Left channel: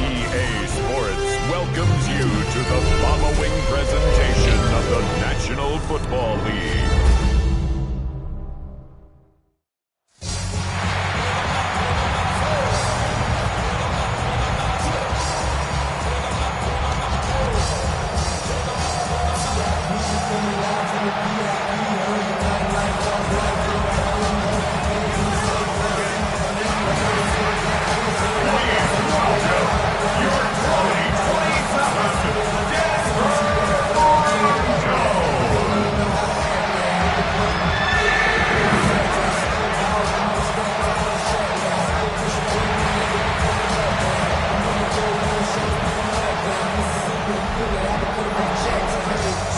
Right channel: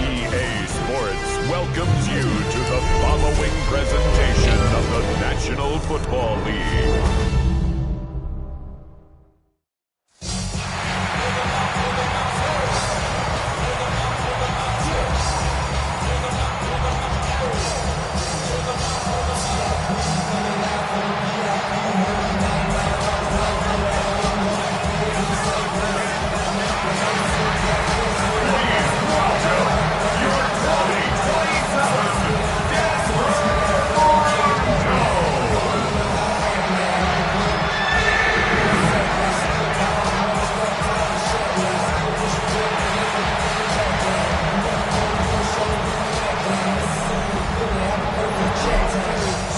EA Sports welcomes you to the following presentation of the National Football League.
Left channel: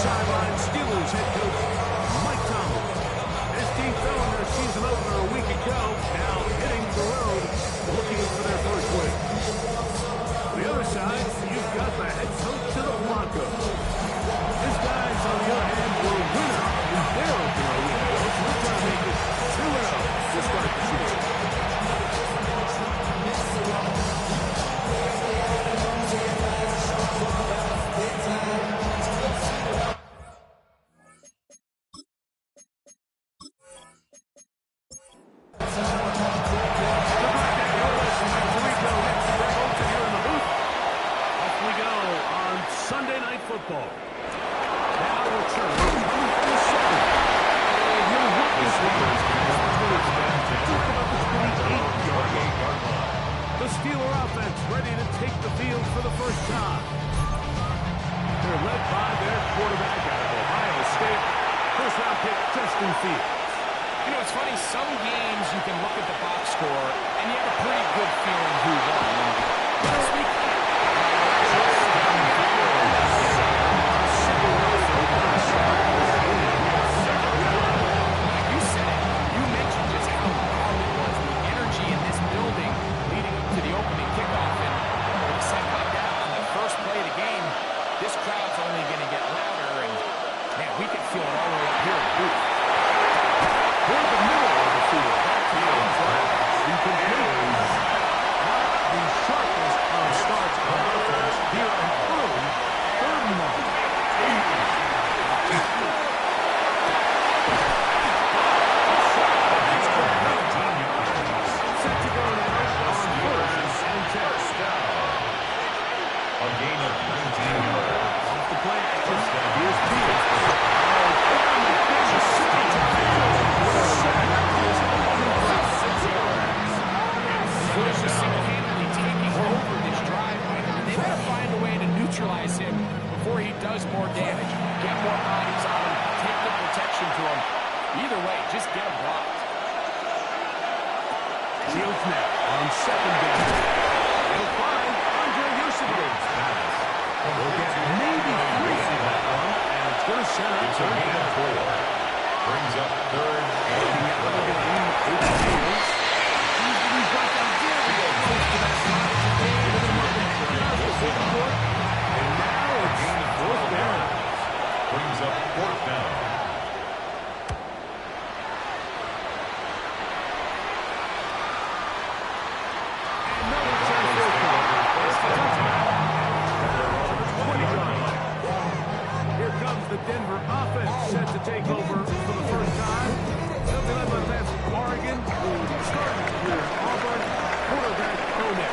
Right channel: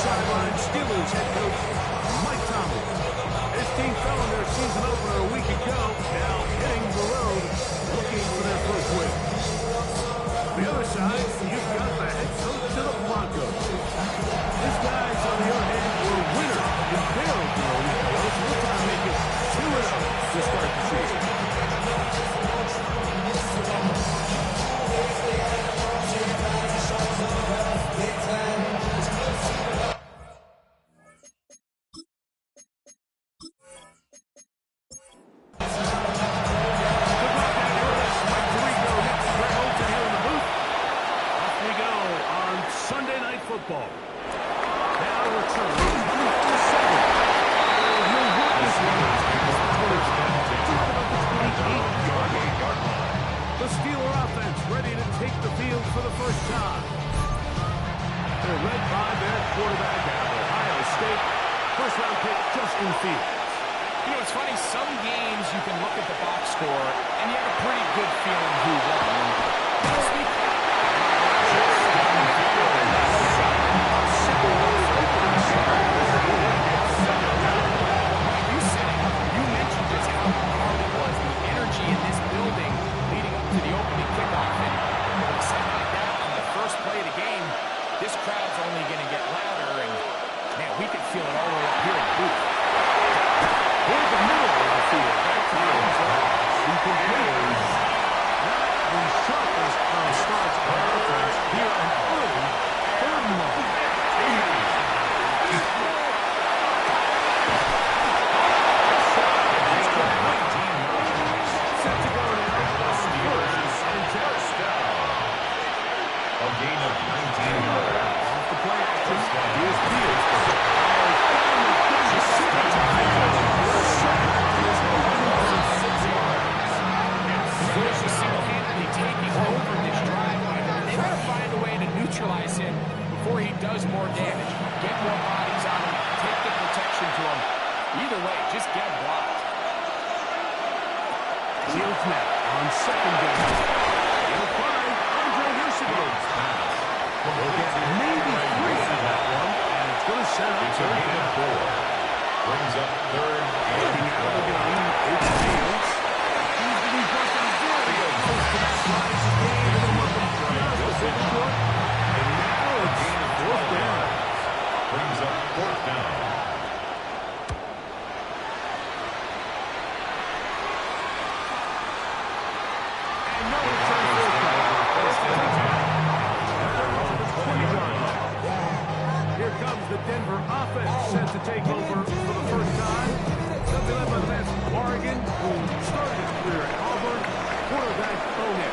Sideline Steelers head coach Mike Tomlin. His team fell in their season opener a week ago, now hitting the road, looking for their first win. The other side, you've got the head coach of the Broncos. His guys, on the other hand, were winners in their opener a week ago, so we'll try to make it 2-0 to start the season. Sunday Night Football. Now return coming from the 7. He'll work this one. Just about the 28-yard line. The Steeler offense ready to take the field for the first time. They're led by their quarterback out of Ohio State, first-round pick Justin Fields. You know, it's funny, some games you can look at the box score and you have a pretty good feeling who won. This crowd's only going to get louder, and man, we can feel it all the way up here in the booth. Toward the middle of the field, that time incomplete. Not the sharpest of starts on offense here in early third and long. Set to go now on first and 10. A gain of 19 yards. Off the play action. Here's Fields. Steelers just single-handedly taking over this drive by him. They've got to find a way to neutralize him before he does more damage. Get more bodies on him. Take the protection to him. Either way, just get him blocked. Fields now on second down. He'll find We'll get maybe 3 out of that one, and it's going to set up third and 4. Brings up third and out of the game. It's Fields. He's going to be brought down very close to that line to gain, and then working just a bit short. And now it's gain of fourth down. Brings up fourth down. And no return fourth down. It's the touchback. Here comes the Denver offense set to take over for the first time. They'll be led by the man from Oregon, who started his career at Auburn, quarterback Bo Nix.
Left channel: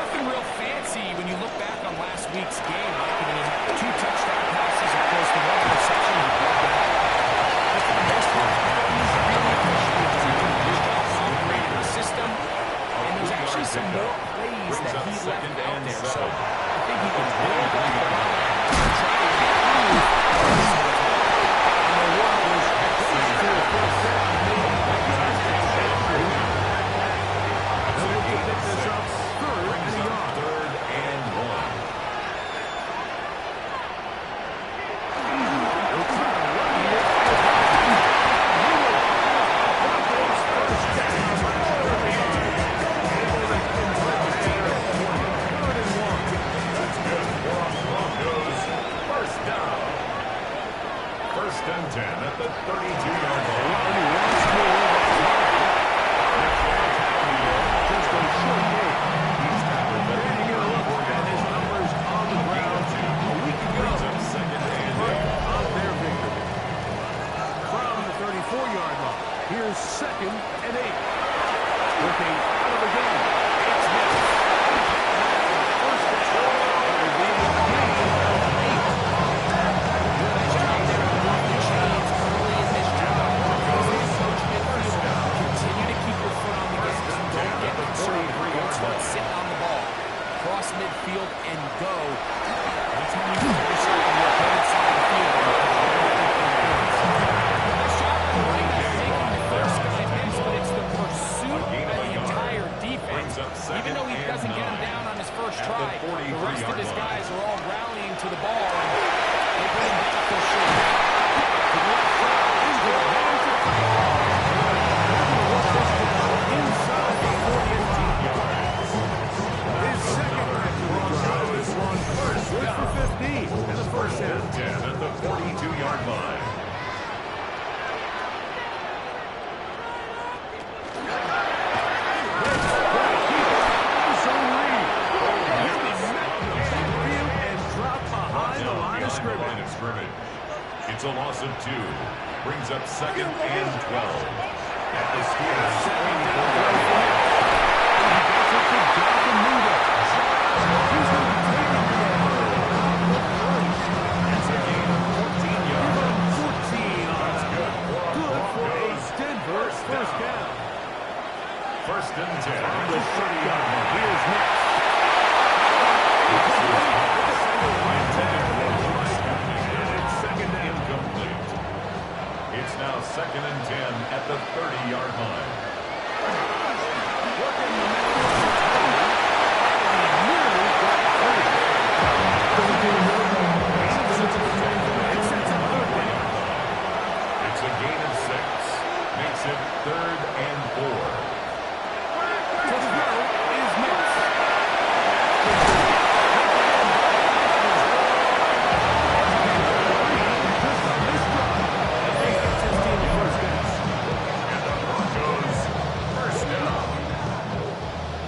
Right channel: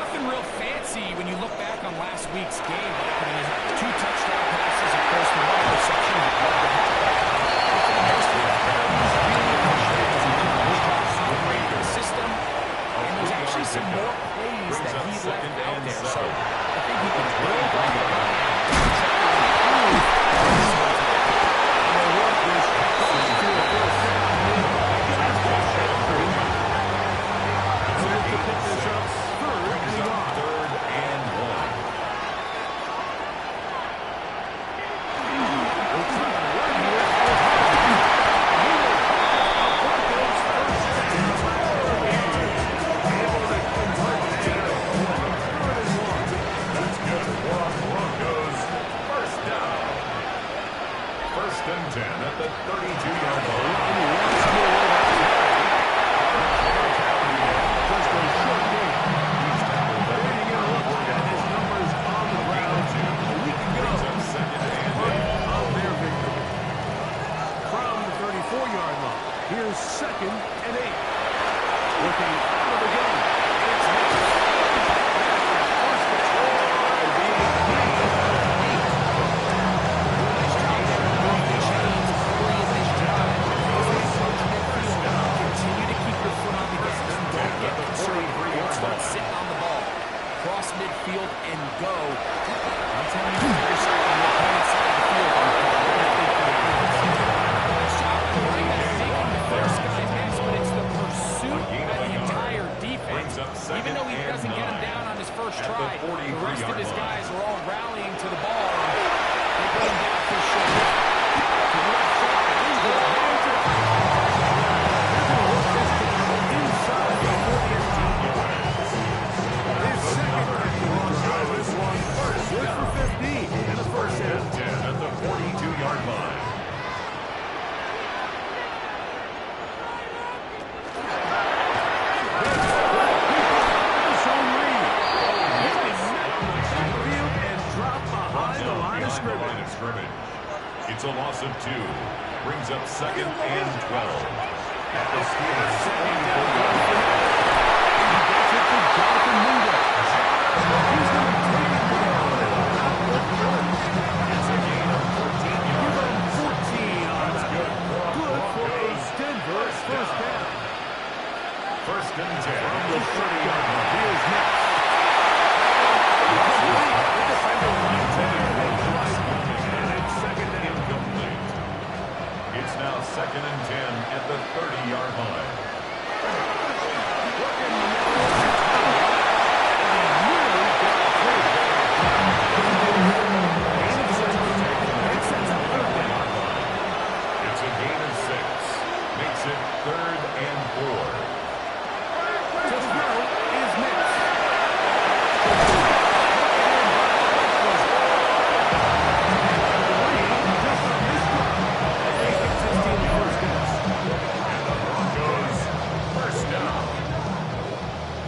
Nothing real fancy when you look back on last week's game, Mike. I mean, he had 2 touchdown passes, of course, the 1 interception. You'd love to have that. But for the most part, he's really appreciated his job operating the system. And there's actually some more plays that he left out there. So I think he can build on the line and try to improve this one's back. And the work was close to a first down. They'll look to pick this up third and a yard. Third and 1. They'll try to run here. He will have a Broncos first down. Able to convert there. Third and 1. That's good for our Broncos. First down. First and 10 at the 32-yard line. Once more. 4-yard line. Here's 2nd and 8. Looking out of the gun. It's missed. First down. Being gained of 8. Nice job there to move the chains early in this drive. As they approach midfield, continue to keep your foot on the gas and don't get conservative. Don't start sitting on the ball. Cross midfield and go. That's how you put yourself on the opponent's side of the field. Nice job by the running back making the first guy miss, but it's the pursuit by the entire defense. Even though he doesn't get him down on his first try, the rest of his guys are all rallying to the ball, and they put him down for a short down. To the left side, into the hands of they're going to work this down inside the 48 yards. His second catch of the drive. This one first good for 15 and the first down. 10 at the 42-yard line. It's a loss of 2. Brings up 2nd and 12. At the Steelers' 74-yard line. He gets it to Jonathan Mingo. He's going to take it down and out with 30. It's a gain of 14 yards. Give him 14 on That's that. good. Good for a Denver first down. 1st and 10 From at the the 30-yard line. Here's next. The defender right there. And it's 2nd down. Incomplete. It's now 2nd and 10 at the 30-yard line. Working the middle. And he nearly got through. It sets up 3rd down. It's a gain of 6. Makes it 3rd and 4. To throw is missed. Just on this run. And he gets his team the first down. And the Broncos first down.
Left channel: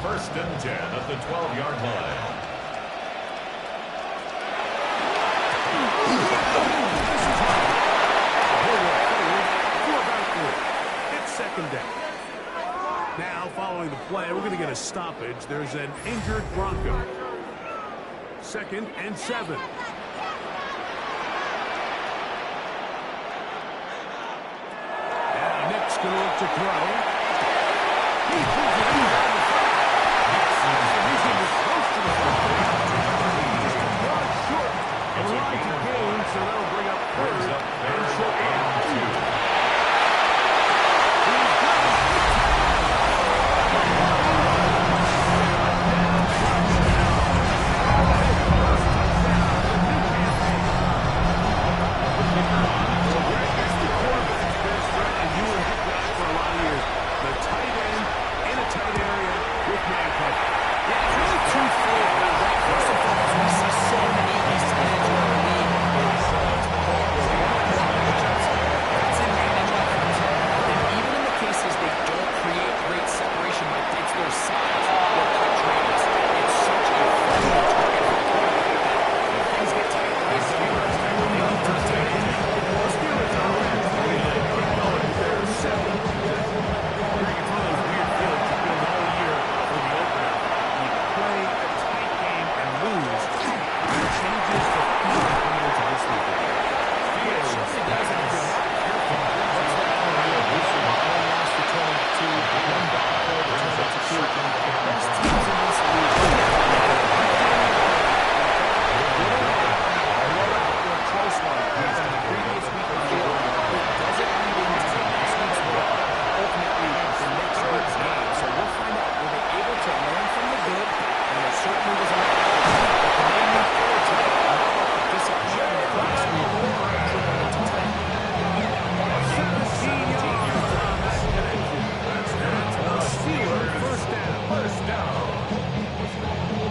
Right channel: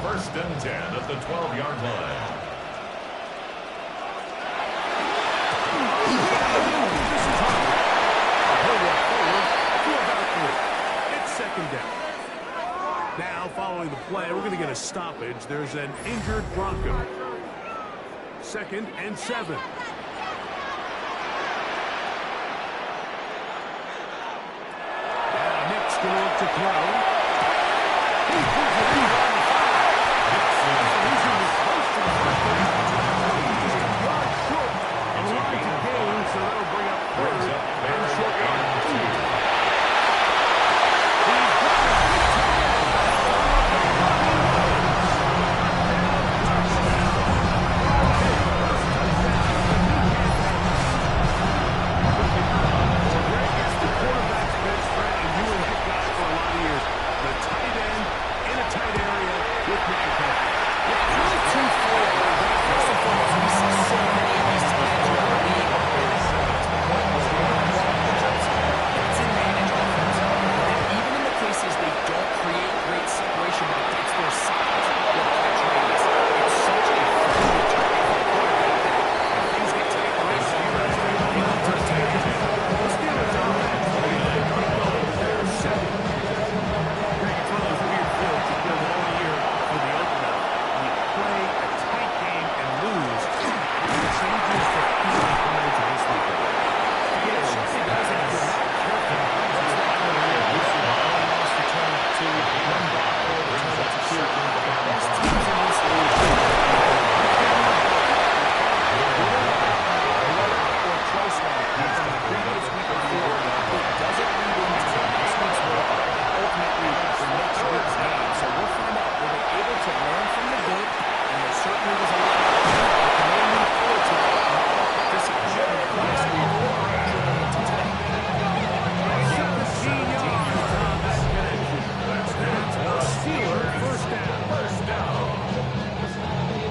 1st and 10 at the 12-yard line. This is hard. He'll walk forward to about 3. It's 2nd down. Now, following the play, we're going to get a stoppage. There's an injured Bronco. 2nd and 7. Now, Nick's going to look to throw. He pulls it in around the 5. He's going to be close to the first down. Just a yard short of the line to gain, so that'll bring up 3rd and short and 2. He's got it. The tight end in a tight area with man coverage. Yeah, it's really twofold, right? First and foremost, we see so many of these tight ends around the league. It's the point where we want to walk matchups. It's in manage offense. And even in the cases they don't create great separation, but it's their size, their catch radius. It's such a friendly target for the quarterback that when things get tight, the race they look to the tight end. The Steelers are ready. Keep going. They're 7. It's one of those weird fields you build all year for the opener. You play a tight game and lose. It changes the feeling coming into this weekend. It certainly does, and if you're not careful, what's that one loss to turn to one back or turn to 2. The best teams in this league or close one from the previous week of field. It doesn't lead into this week's work. Ultimately, the next week's game. So we'll find out, were they able to learn from the good? And there certainly was a lot of it. But can they move forward to that? Not let the disappointment of last week trickle into today. 17 yards on that connection. That's a Steeler first down. First down.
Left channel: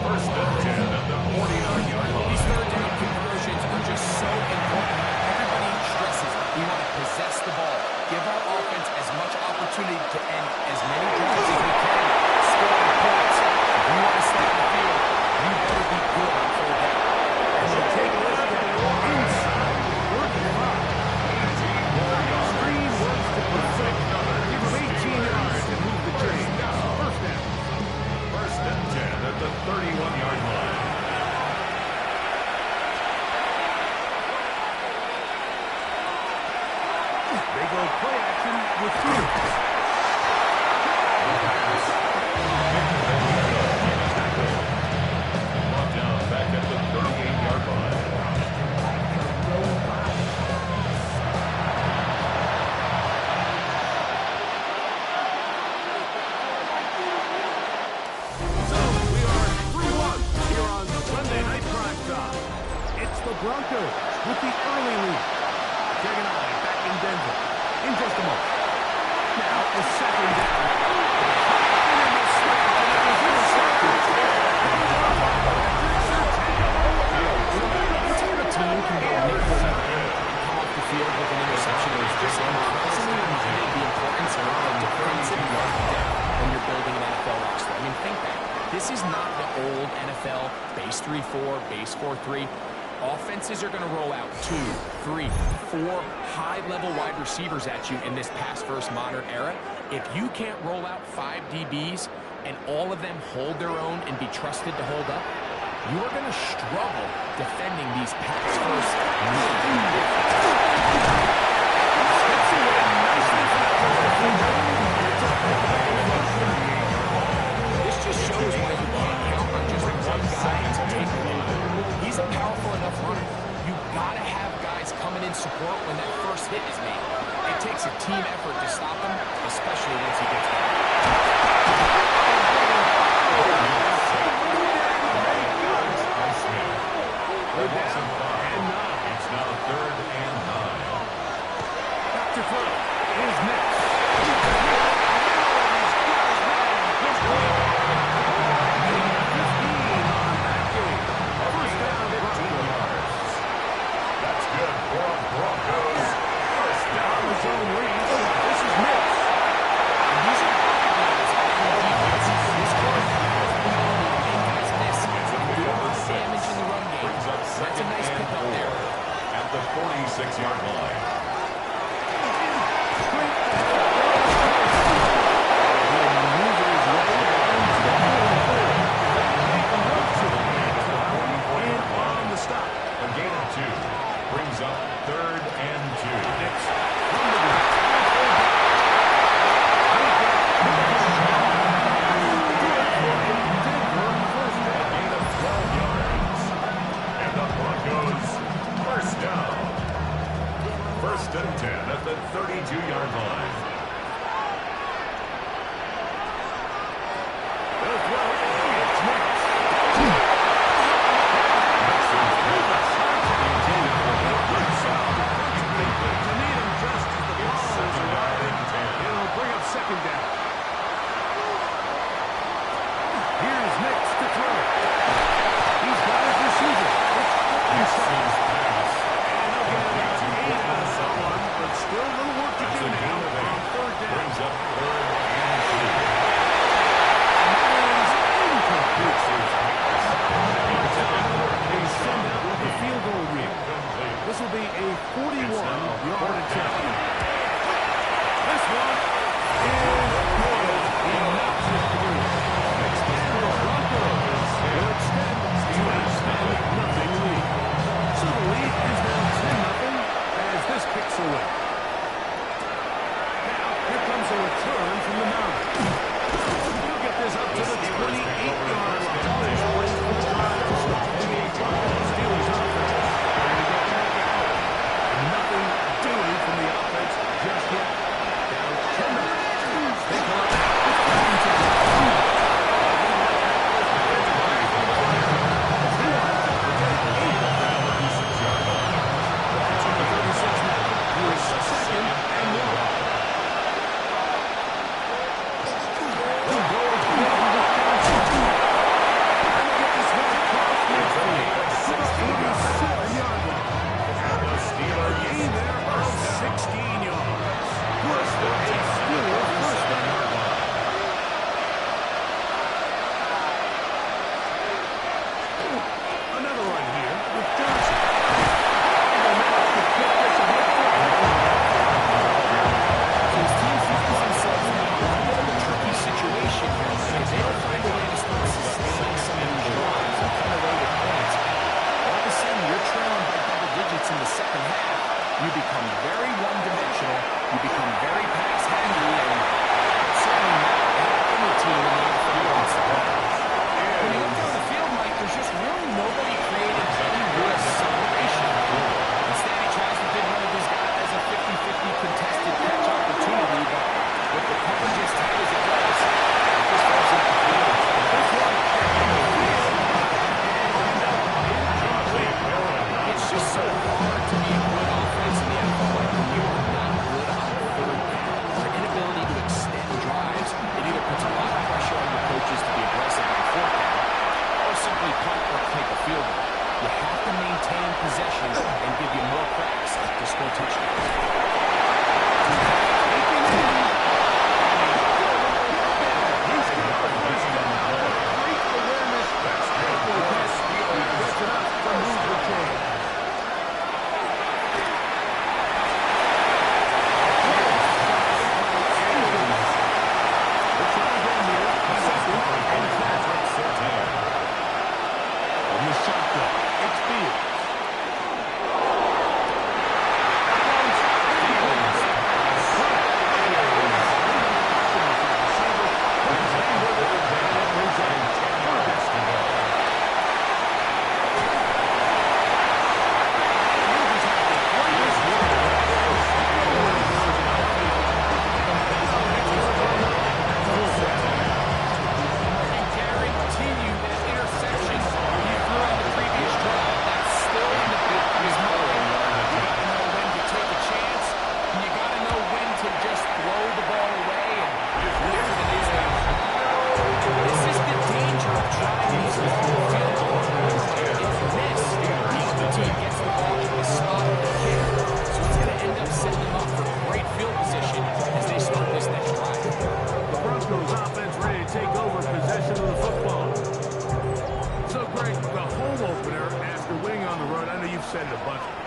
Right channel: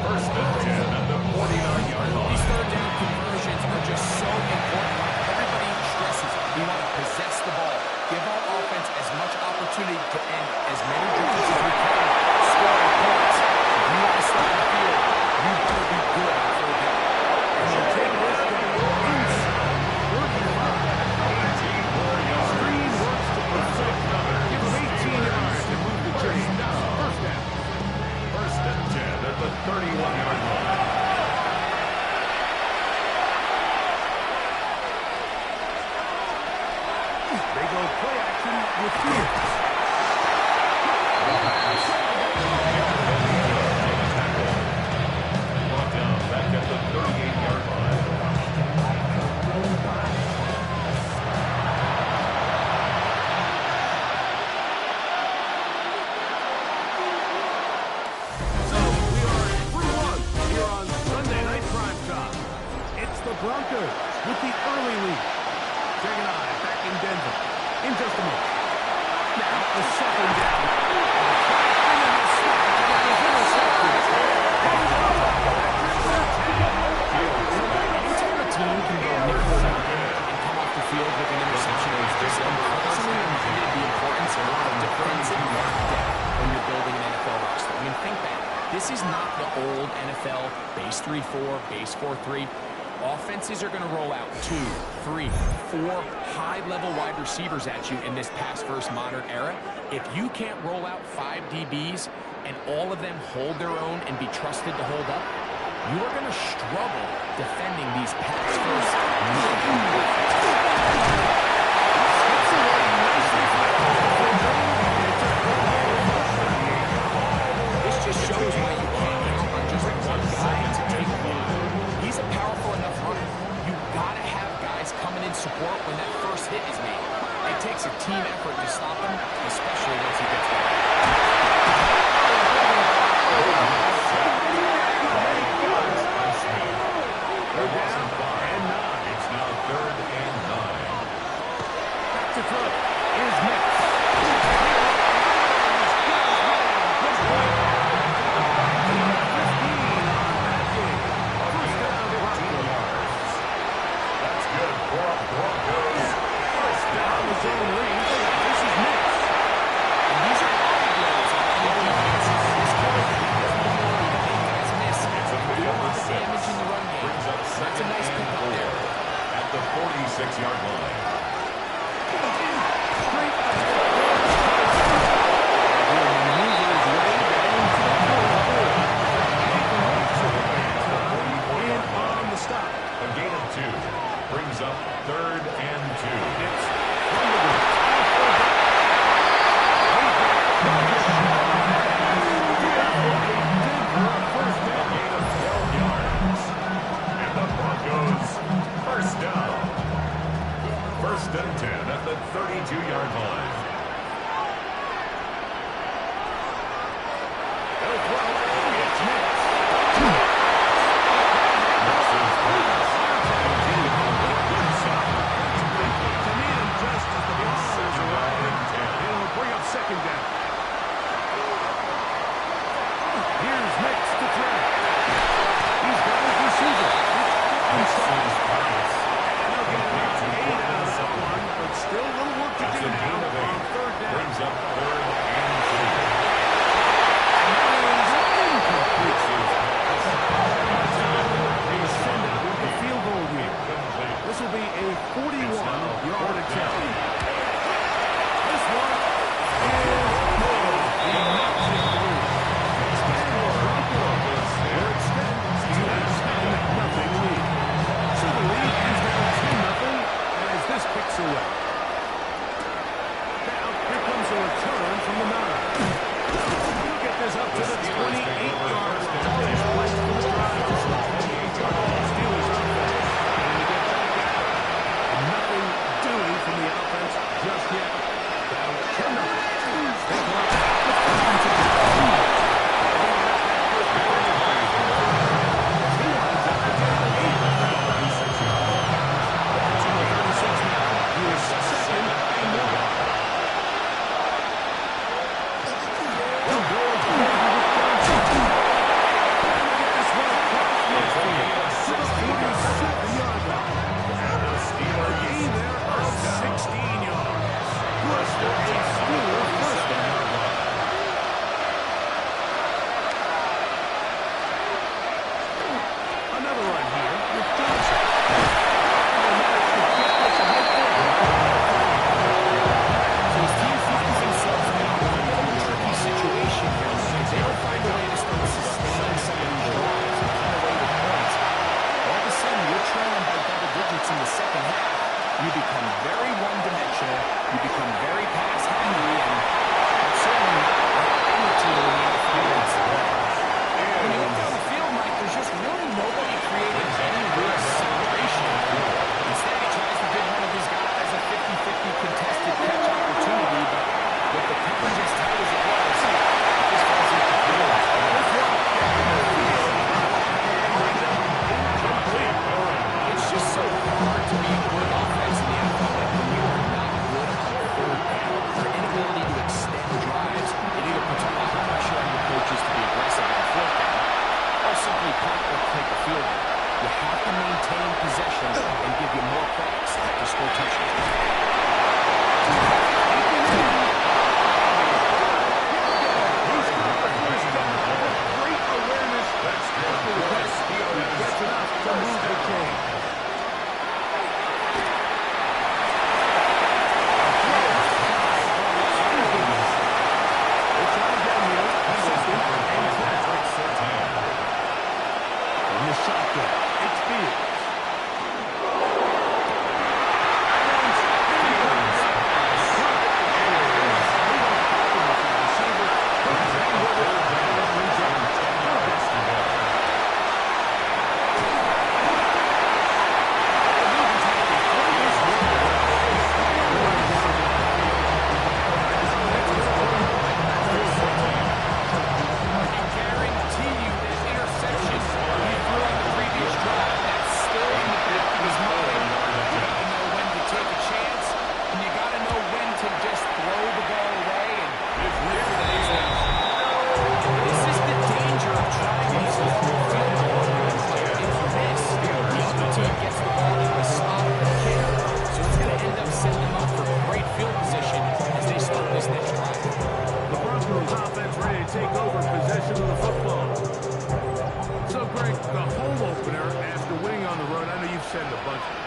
1st and 10 at the 49-yard line. These third down conversions are just so important. Everybody stresses we want to possess the ball. Give our offense as much opportunity to end as many drives as we can, scoring points. If you want to stay on the field, you better be good on 3rd down. And they'll take this down inside 35. 18 more yards. Screen works to They go play action with Fields. The pass. Victor Benito on the tackle. Brought down back at the 38-yard line. So, we are through one here on Sunday Night Primetime. It's the Broncos with the early lead. Greg and I back in Denver in just a moment. Now a second down. And then the snap, and it was intercepted. Anytime a team can go nickel and come off the field with an interception, it's just constantly reminded the importance of defensive depth when you're building an NFL roster. I mean, think back. This is not the old NFL base 3-4, base 4-3. Offenses are going to roll out 2, 3, 4 high-level wide receivers at you in this pass-first modern era. If you can't roll out 5 DBs and all of them hold their own and be trusted to hold up, you are going to struggle defending these pass-first modern offenses. Skips away nicely for that first defender. It's a big play from 38-yard line. This just shows why you can't count on just one guy to take the lead. He's a powerful enough runner. You gotta have guys coming in support when that first hit is made. It takes a team effort to stop him, especially once he gets down. They're down and 9. It's now 3rd and 9. Back to throw is Mix. He's got his man. Good play. 15 on that game. First down, 15 yards. That's good for a Broncos. First down. on the zone read. This is Mix. And these are body blows on any defense. This quarterback has the ability to make guys miss and do a lot of damage in the run game. Brings up That's a nice pickup there. At the 46-yard line. Straight ahead. He'll maneuver his way down to the 44. And on the stop. A gain of 2 brings up 3rd and 2. It's from the blitz. Denver first A down. gain of 12 yards. And the Broncos first down. 1st and 10 at the 32-yard line. They'll throw. It's Mix. To meet him just as the ball is arriving. It'll bring up second down. Here's Mix to throw. He's got his receiver. It's inside. And they'll get about 8 out of that one, but still a little work to That's do a gain now of on 8. third down. Brings up 3rd and 2. And that is incomplete. They send out the field goal unit. Incomplete. This will be a 41-yard attempt. This one is good. He knocks it through. And the Broncos will extend to a 10-0 lead. So the lead is now 10-0 as this kicks away. Now, here comes a return from the 9. He'll get this up to the 28-yard line. This place for the drive to start. Steelers offense trying to get back at it. And nothing doing from the offense just yet. Down 10-0. They come up with 5 to go. He winds up with 8 of that 36-yard line. Watch on the 36 now. He is 2nd and 1. They'll go again with Johnson. And they get this one across midfield to the 47-yard line. And the Steelers A gain there of 16 you become very pass-happy, and it's certainly not how any team in the NFL wants to play. When you look down the field, Mike, there's just really nobody creating any real separation. Instead, he tries to give one of his guys a 50-50 contested catch opportunity, but with the coverage as tight as it was, it just falls into the field. This one, it's just so hard to be a good offense in the NFL, like when you are not good on third down. Your inability to extend drives, it either puts a lot of pressure on your coaches to be aggressive on fourth down, or simply punt or take a field goal. You have to maintain possession and give you more cracks to score touchdowns. He's got the first down with great awareness. That's after the catch. He gets enough to move the chain. We'll try again here. Second and 10. From the shotgun, it's Fields.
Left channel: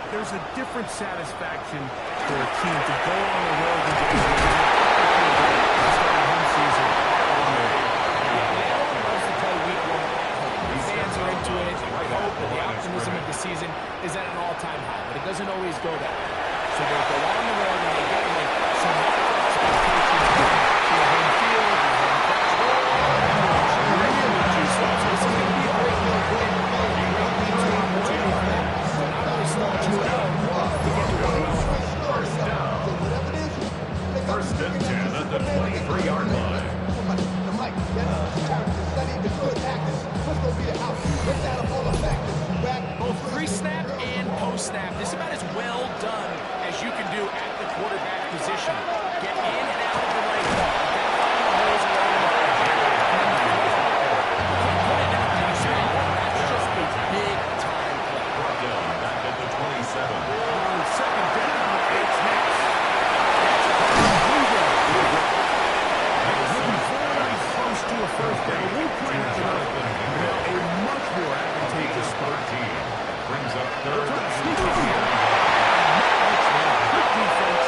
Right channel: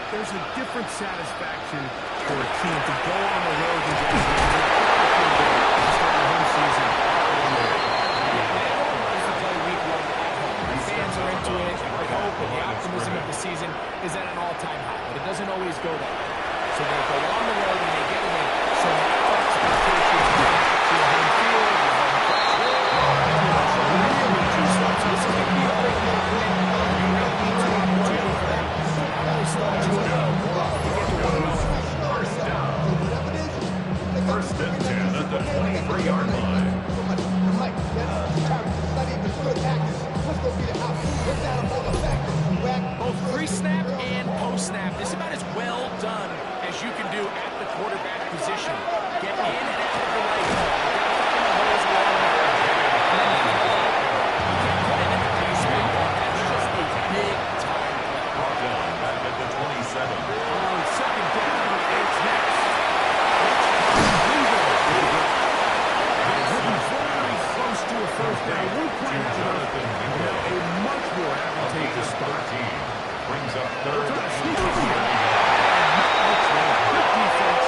There's a different satisfaction for a team to go on the road than to start a home season. Yeah, everyone loves to play week one at home. The fans are into it. The hope and the optimism of the season is at an all-time high, but it doesn't always go that way. So they go on the road and they get a win. So now expectations to your home field, your home crowd, really juiced up. So this is going to be a great win, great feature opportunity for them. Not only start 2-0, to get to 1-0. First and 10 at the 23-yard line. Both pre-snap and post-snap, this is about as well done as you can do at the quarterback position. Get in and out of the right ball, identifying the holes along the line, and then the throw. You can't put it in the pass or you want. That's just a big-time play. Brought down back at the 27. On second down, it's next. Very close to a first down. Won't quite have enough. Now a much more advantageous spot. Brings up third. Trying to sneak in here. Good defense.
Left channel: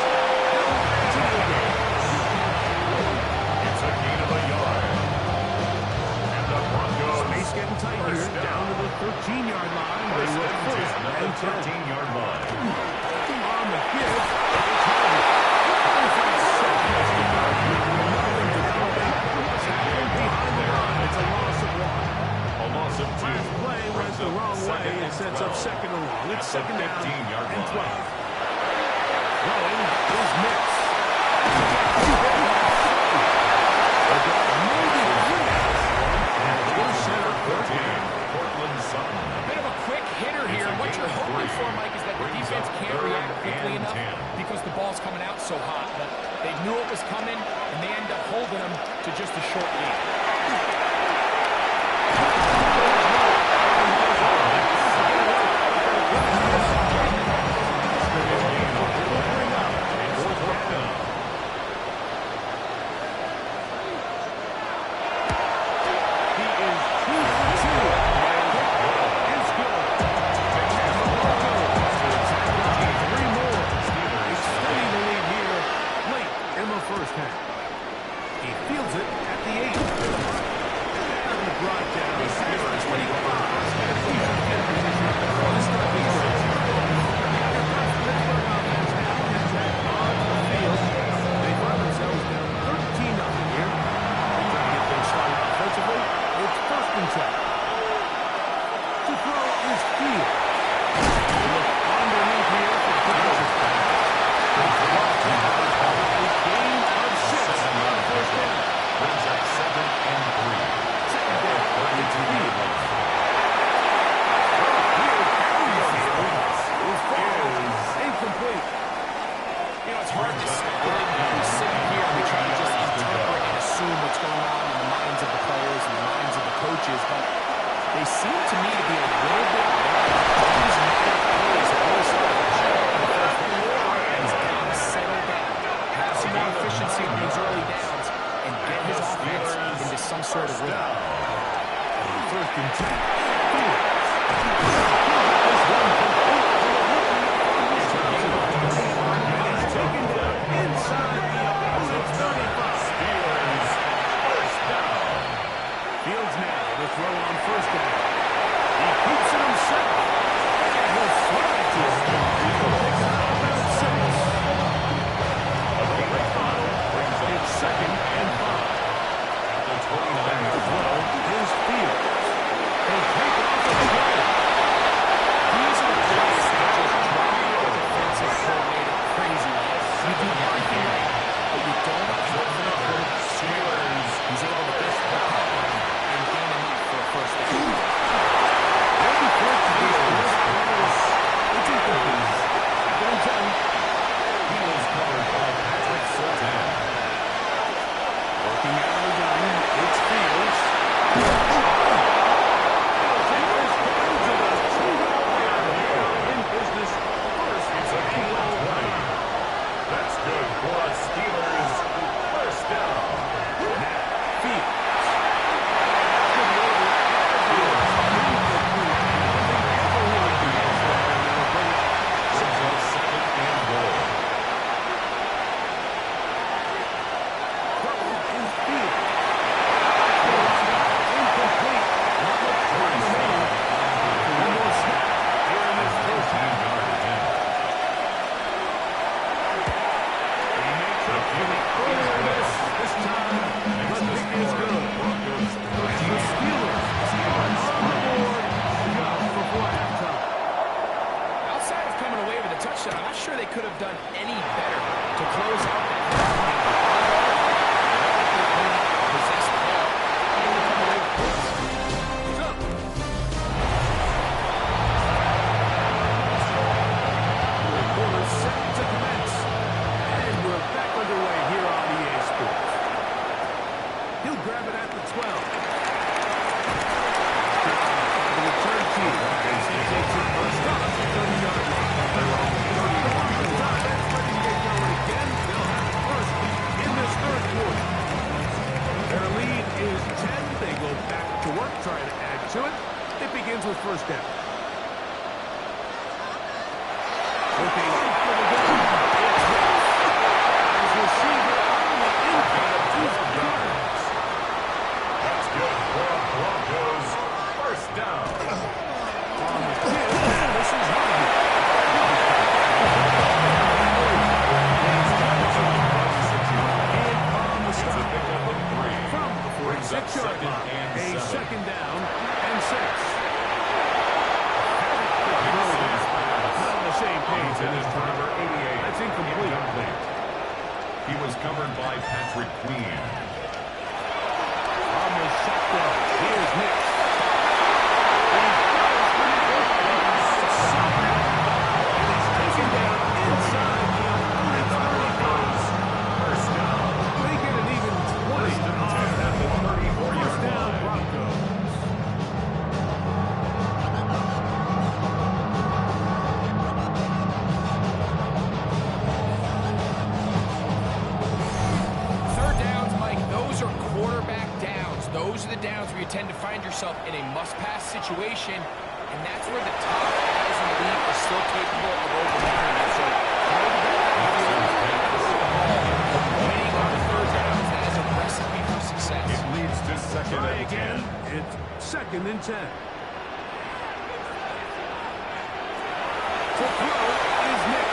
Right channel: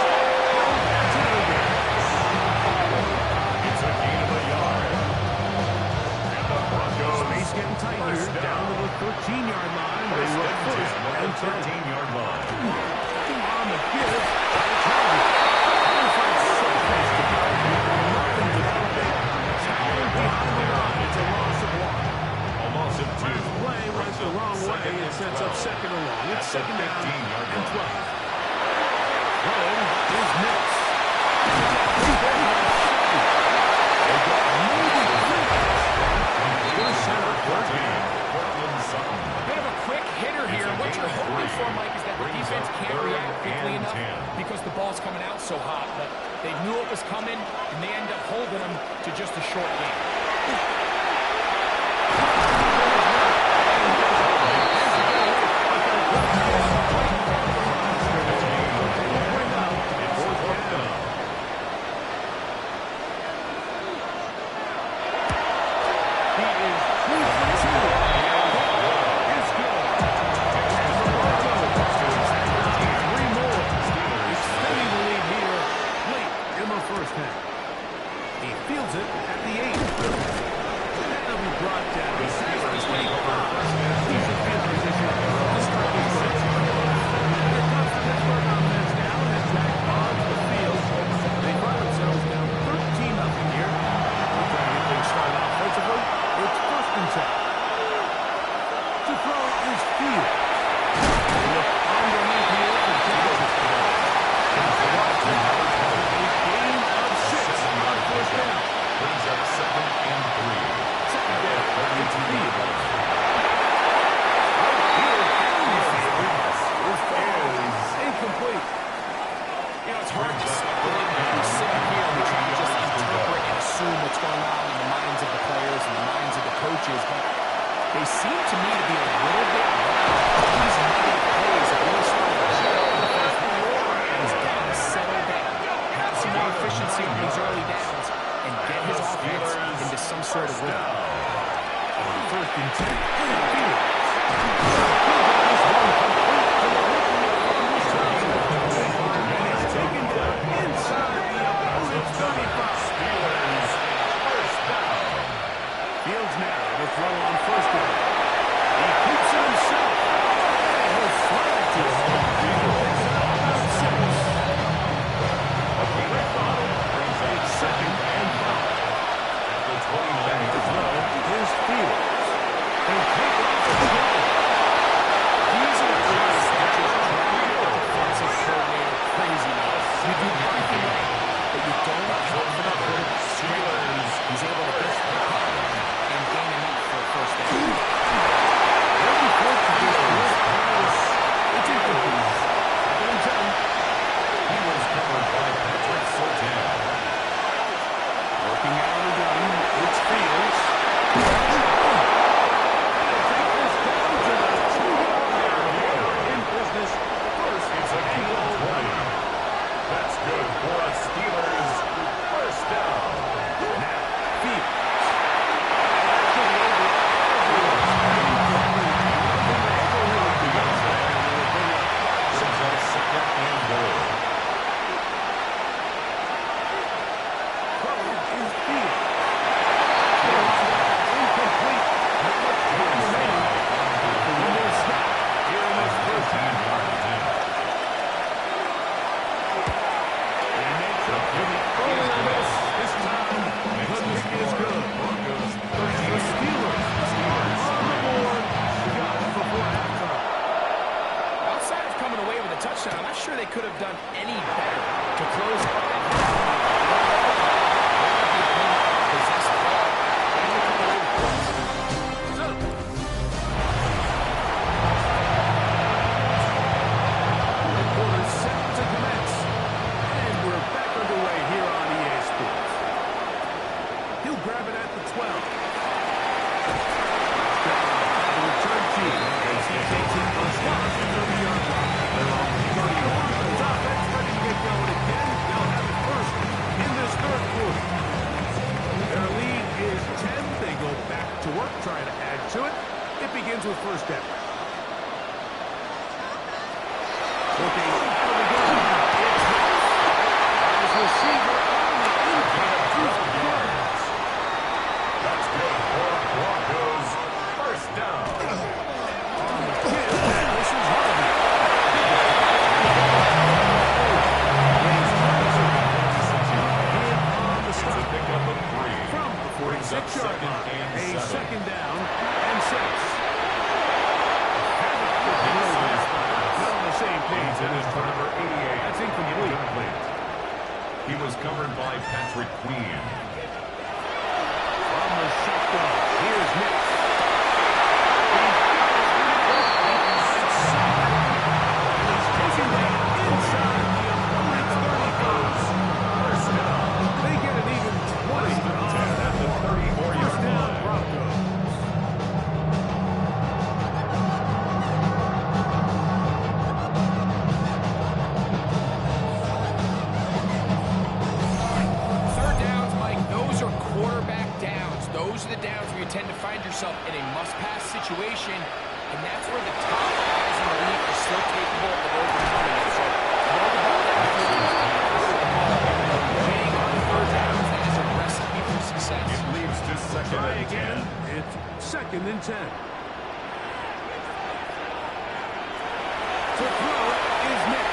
It's a gain of a yard. And the Broncos. Space getting tight here. Down to the 13-yard line. They were first and 13-yard line. On the give. It's Harvey. So close to go. Nothing to elevate. Tackling behind the line. It's a loss of one. A loss of 2. Last play went the wrong way and sets up second and long. It's second down and 12. Throwing is Nix. They've got maybe 3 going to center third down. Portland Sutton. A bit of a quick hitter here. What you're hoping for, Mike, is that the defense can't react quickly enough because the ball's coming out so hot. But they knew it was coming, and they end up holding them to just a short game. First half. He fields it at the 8. That'll be brought down. He's at the 25. He's in field position to start this drive. Here comes the Pittsburgh offense now, and back on the field. some more efficiency on these early downs and get his offense into some sort of rhythm. First and 10. Fields. He'll get this one complete to the rookie from Wisconsin. And it's taken down inside the opponent's 35. Steelers, first down. Fields now to throw on first down. He keeps it himself. And he'll slide to it. He'll pick it up about 6. A great bottle brings up It's second and 5. at the 29 To throw is Fields. He'll take off the play. These are the plays that just drive the defensive coordinator crazy. You do everything right, but you don't drop the number. Steelers. He's able to get the power and gain enough for a first down. They'll be forced to do this. It's incomplete. Second and 10. He was covered by Patrick Surtain. Working out of the gun, it's Fields. He'll take this down to the 2-yard line. In business, first It's a gain of 20. That's good for a Steelers first down. Now, Fields. That's going to be over. Incomplete. Nothing ever really developed there, and they will bring it up. Brings up second and goal. Throw is Fields. Incomplete. Not much time remaining. One more snap here in this first half. 15-yard attempt. He makes up for the earlier miss. This time, Makes the the pick is score. good. Broncos And the 13. Steelers are on the board just before halftime. Outside of coming away with a touchdown, I'm not sure they could have done any better to close out that half. The opponent possessed the ball and to come away with points. So, the quarter's set to commence. And we're back underway here on EA Sports. He'll grab it at the 12. The return team as he takes it first down to the 30-yard line. They're on the 30-yard line. That's ready to get going again. They'll have it first in this third quarter. Their lead is 10. They go back to work, trying to add to it. It begins with first down. Looking out of the gun. It's Hicks. As receiver on the inside. 12 yards. That's good for a Broncos first down. On the kill, this is Harvey. In on the It's a stop. pickup of 3. From the Brings up 46-yard second line. and A 7. second down and 6. Not on the same page in this For time. number 88. That's incomplete. He was covered by Patrick Queen. From the shotgun, here's Nick. And he's taken down inside the opponent's 35. First down. They get an even 20 on that one. 34-yard First down, line. Broncos. Third downs, Mike, those are quarterback downs. Those are the downs where you tend to find yourself in a must-pass situation, and that's where the top guys in the league are still capable of overcoming it. So throw the ball downfield, pass the ball, winning on third downs, that is a recipe for success. It leads to second Try and again. 10. It's second and 10. To throw is Nick.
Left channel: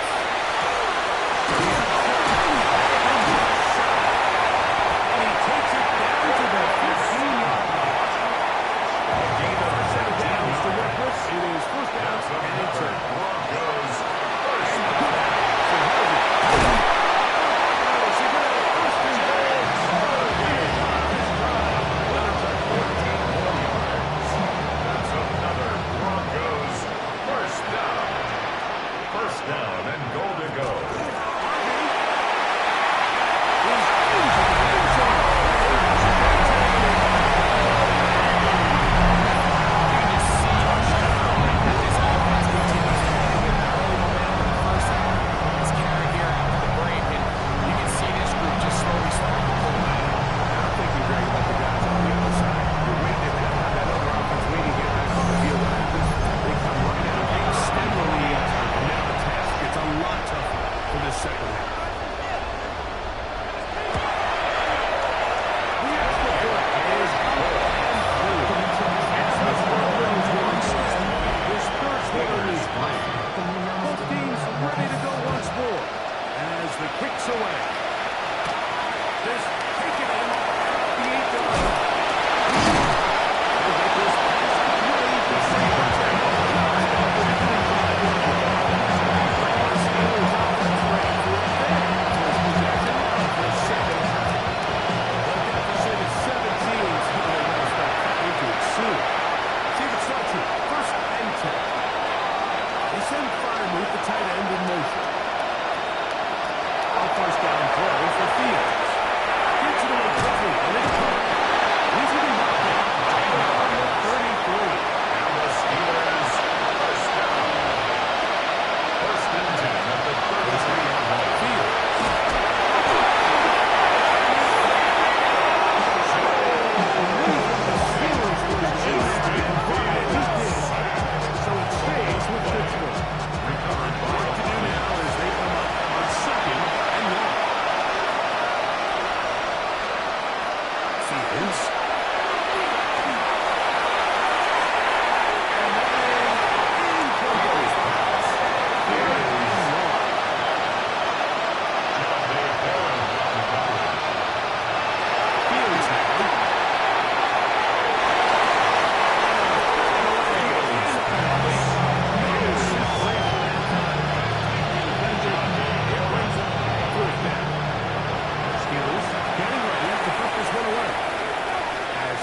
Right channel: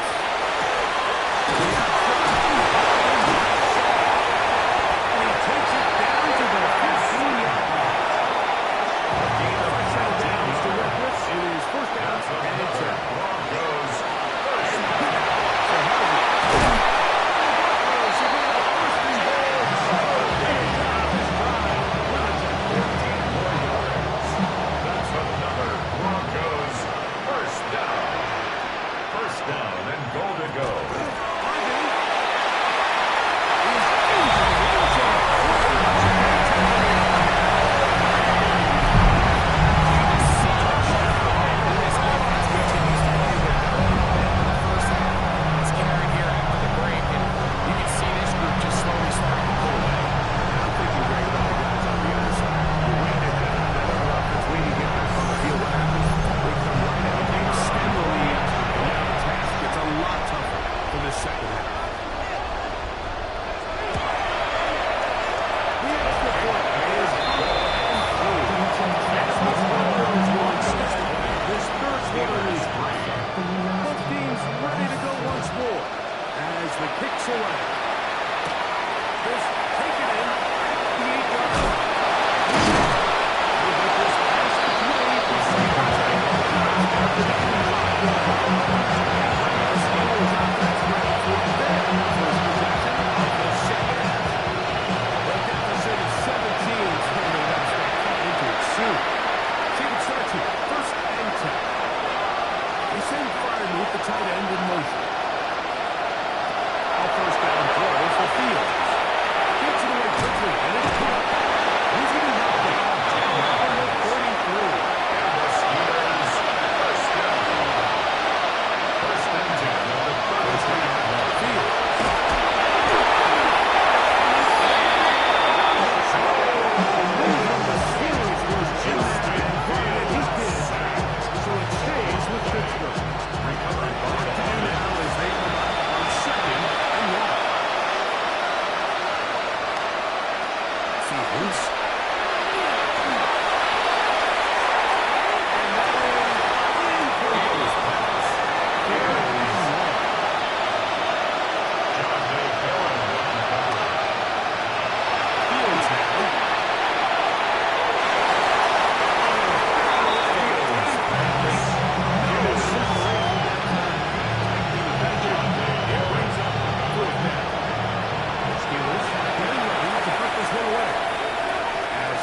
And he takes it down to the 15-yard line. A gain of First set of 15 downs to work with. yards. It is first down That's and another 10. Broncos first And down. so how's it? Broncos are going to have a first and goal. Finish off this drive with a touchdown. 14 more yards. That's another Broncos first down. Fields.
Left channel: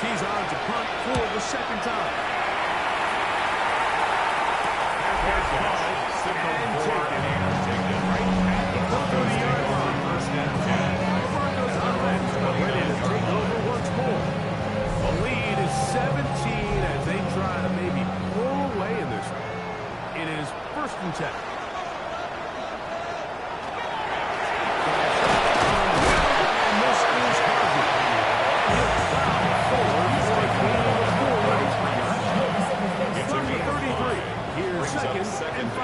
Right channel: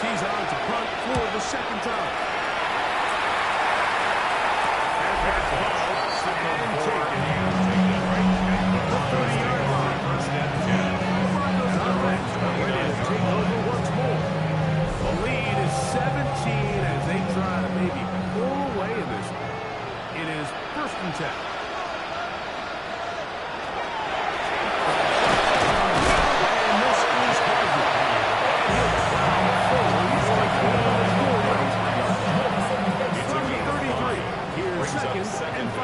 He's on to punt for the second time. And taken right at the 30-yard line. First and 10. Broncos offense ready to take over once more. The lead is 17 as they try to maybe pull away in this one. It is first and 10. And this is Harvey. And he'll plow forward for a gain of 4 yards. From the 33. Here's second and 5.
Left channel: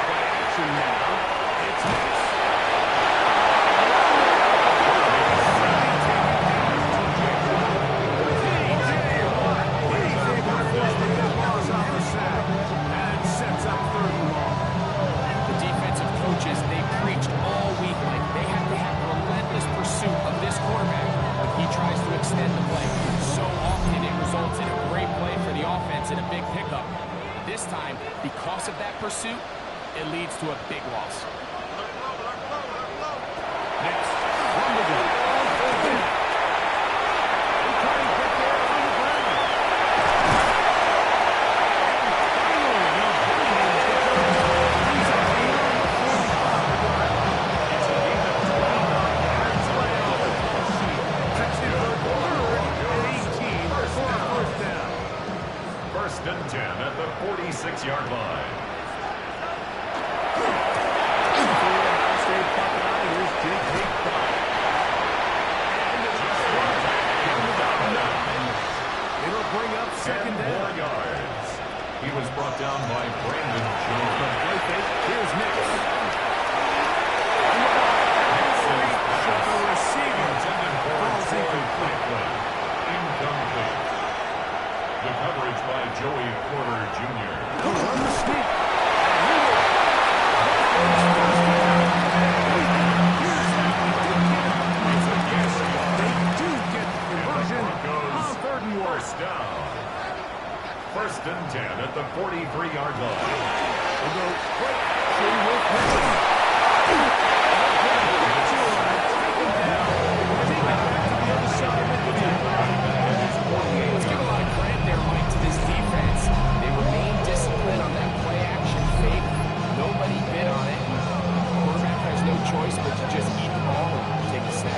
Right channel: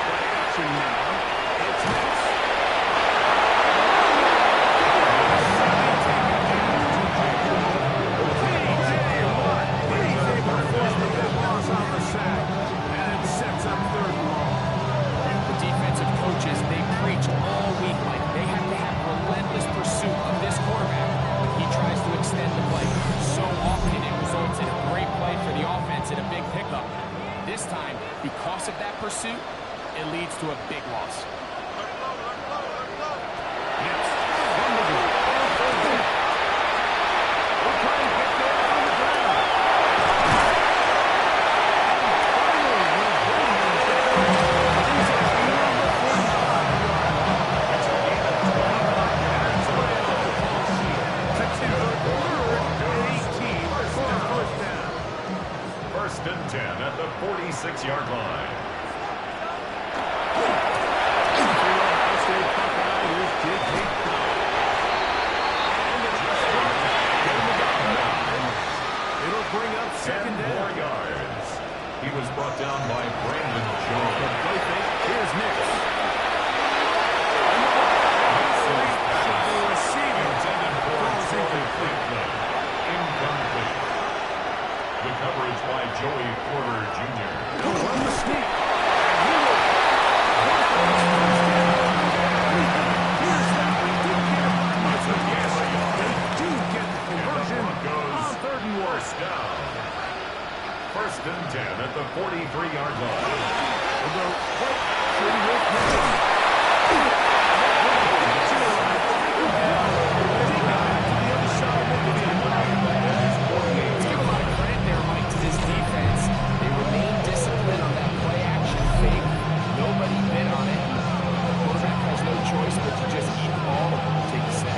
Play action now. It's Nix. T.J. Watt. He's able to force the big loss off the sack. And it sets up third and long. The defensive coaches, they preached all week like they have to have relentless pursuit of this quarterback when he tries to extend the play. So often it results in a great play for the offense and a big pickup. This time, because of that pursuit, it leads to a big loss. Next, from the gun, on third down. We'll try and get there on the ground. And finally, they'll bring him down. He's at beyond the 45-yard line. It's a gain of 29 yards. Play on the call sheet. Consider third and 18 for a first down. First and 10 at the 46-yard line. Here's Jake Hayden. And it's just one. Get him about 9. It'll bring up second 10 down. more yards. He was brought down by Brandon The Jones. play fake. Here's Nix. On the block. The receiver Intended for falls Troy incomplete. Franklin. Incomplete. The coverage by Joey Porter Jr. They'll run the sneak. And he will. Broncos first down. Here's that. They didn't get it by much, but yes, they do get the conversion on third and 1. First down. First and 10 at the 43-yard line. We'll go play action with Nix. Take him down. Take it back to the other side of the field. Let's give a lot of credit there, Mike, to this defense. They remain disciplined on that play action fake. Nobody bid on it. Quarterback has no choice but to just eat the ball and take a snap.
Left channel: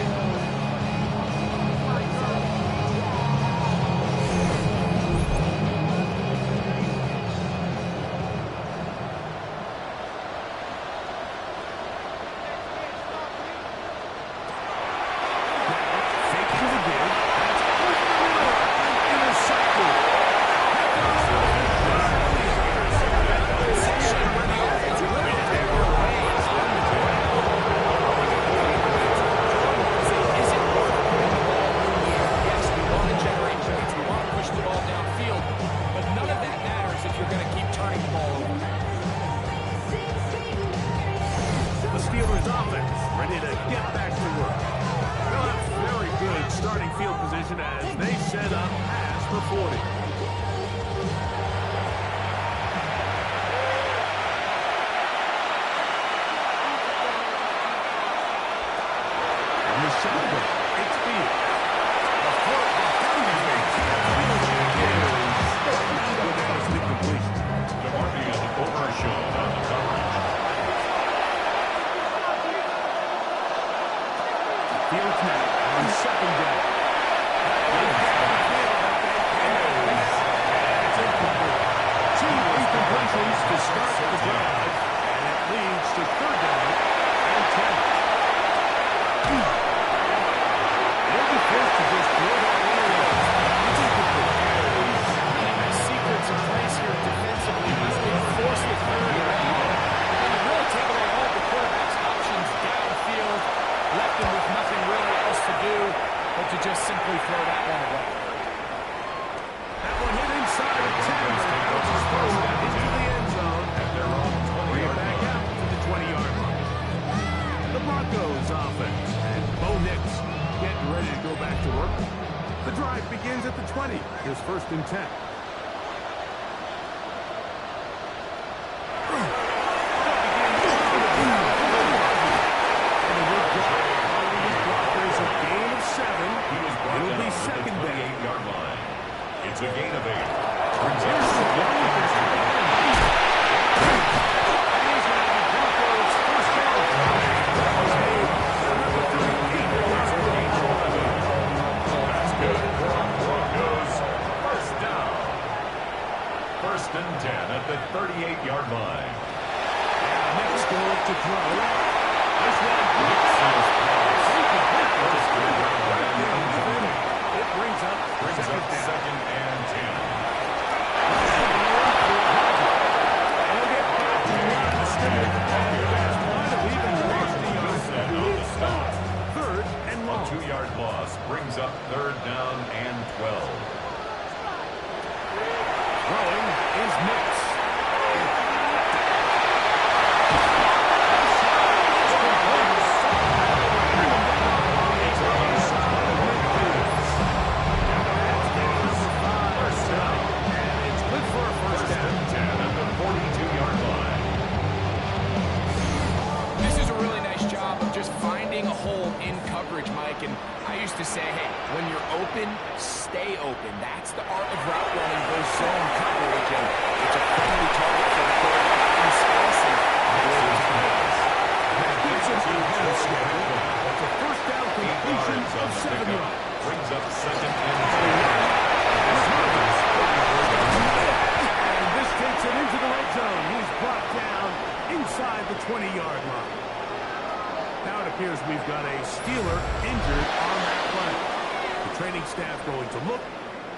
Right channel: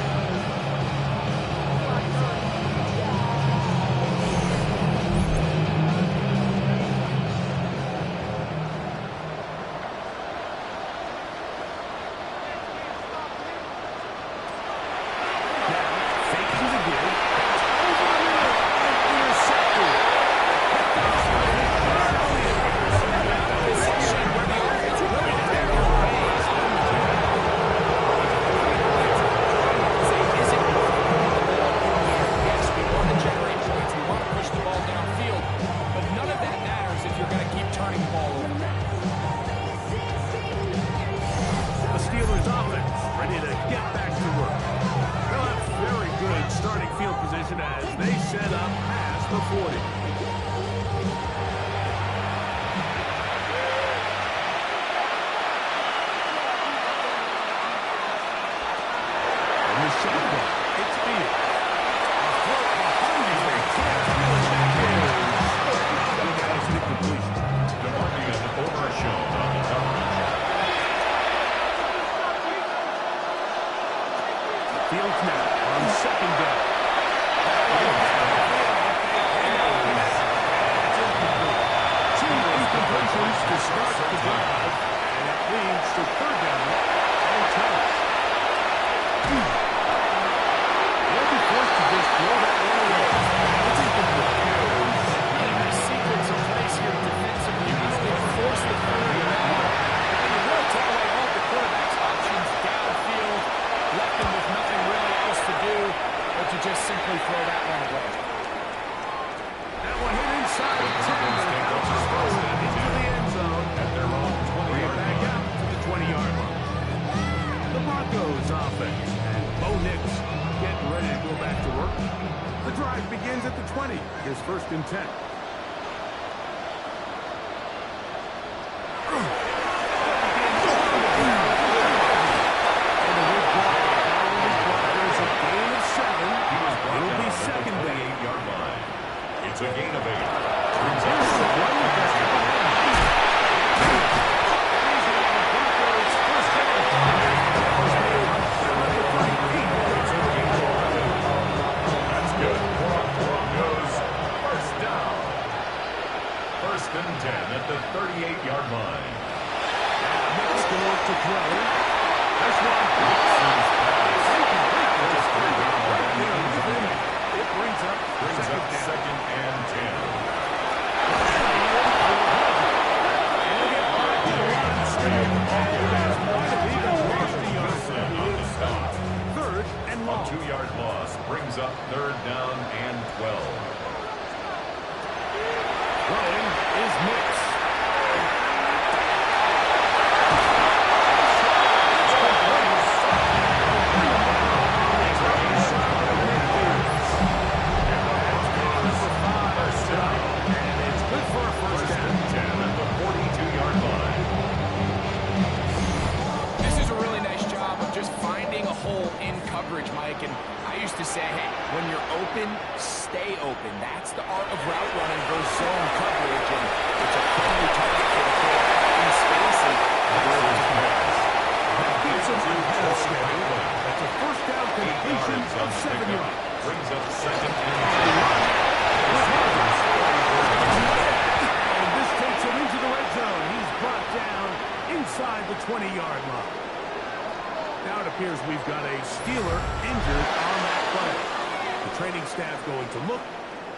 Faking the give. That's over the middle and intercepted. Possession where the offense really didn't have their way on the ground. Is it worth putting the ball in the air? Yes, we want to generate points. We want to push the ball downfield. But none of that matters if you're going to keep turning the ball over. The Steelers offense ready to get back to work. They'll have very good starting field position as they set up past the 40. From the shotgun, it's Fields. A throw behind him. They can't finish it. Look at his incompletion. DeMarvion overshown on the coverage. Fields now on second down. It's incomplete. 2 incompletions to start the drive, and it leads to third down and 10. They'll be forced to just throw that one away. It's incomplete. The secrets of place here defensively, not only to force the third and long, but then you really take away all the quarterback's options downfield, left and just simply throw that one away. That one hit inside at 10, but it bounces forward into the end zone. At their own 20-yard Back line. out to the 20-yard line. The Broncos offense, and Bo Nix getting ready to go back to work. The drive begins at the 20. Here's 1st and 10. And a good block following his blockers, a gain of 7. It'll be second down. 28-yard line. It's a gain of 8. Brings Here's up the run with their tight end. And he's going to have a Broncos first down. That was made at number 38. That's good. Broncos first down. 1st and 10 at the 38-yard line. And Nix going to throw. This one. Nixon's pass. Incomplete. First down Right there with him. and It brings up second down. 2nd and 10. And he'll get back to the line of scrimmage. And that might have even lost the yard. Wilson on the stop. 3rd and A long. 2-yard loss brings up 3rd down and 12. Throwing is Nix. Mike, and I used to say, hey, when you're open, stay open. That's the art of route running versus zone coverage, and it's a friendly target for the quarterback in space, and that gets him ahead of schedule. That's a first down completion of 7 yards. Brings up 2nd and 10. And this takes him into the red zone. He's brought down inside the 20-yard line. Now it appears we've got a Steeler injured on that play. The training staff going to look,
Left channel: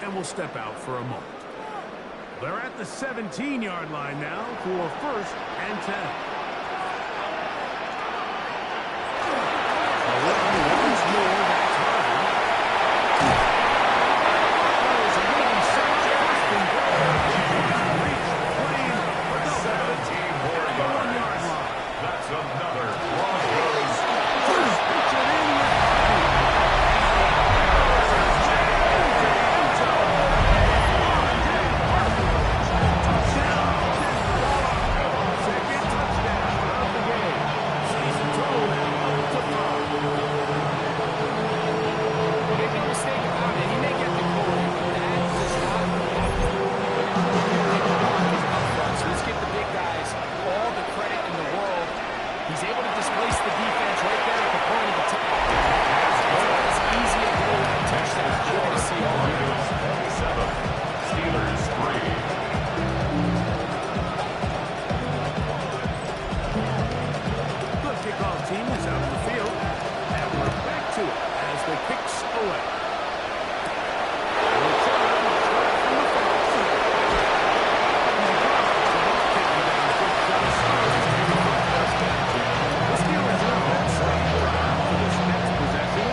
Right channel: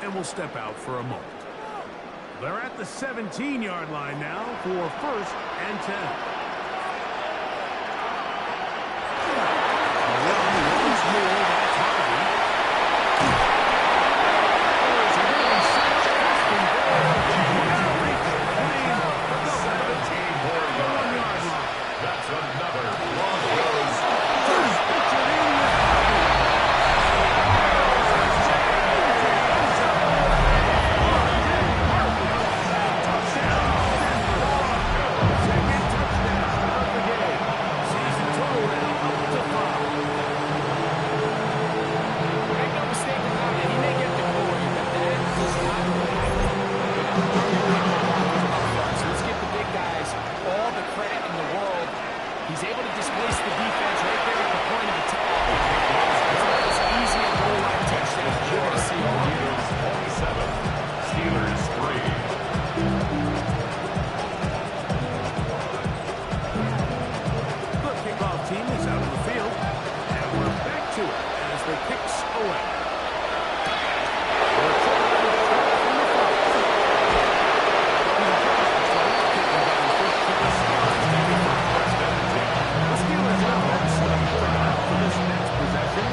and we'll step out for a moment. They're at the 17-yard line now for 1st and 10. A run once more, that's Harvey. There is a little such first and goal. We're going to reach the plane, but they'll have it 17 more at the 1-yard line. That's another Broncos First pitch it in with Harvey. Touchdown, Denver. Second touchdown of the game. Season total now up to 5. make no mistake about it, he may get the glory, but that does not happen without the Broncos up front. So let's give the big guys all the credit in the world. He's able to displace the defense right there at the point of attack. It's not as easy a goal line touchdown as you're going to see all year. Broncos 27, Steelers 3. The kickoff team is out on the field, and we're back to it as the kicks away. Return from the front. He's across the 20, kicking down first shot. The Steelers are on second drive for this next possession.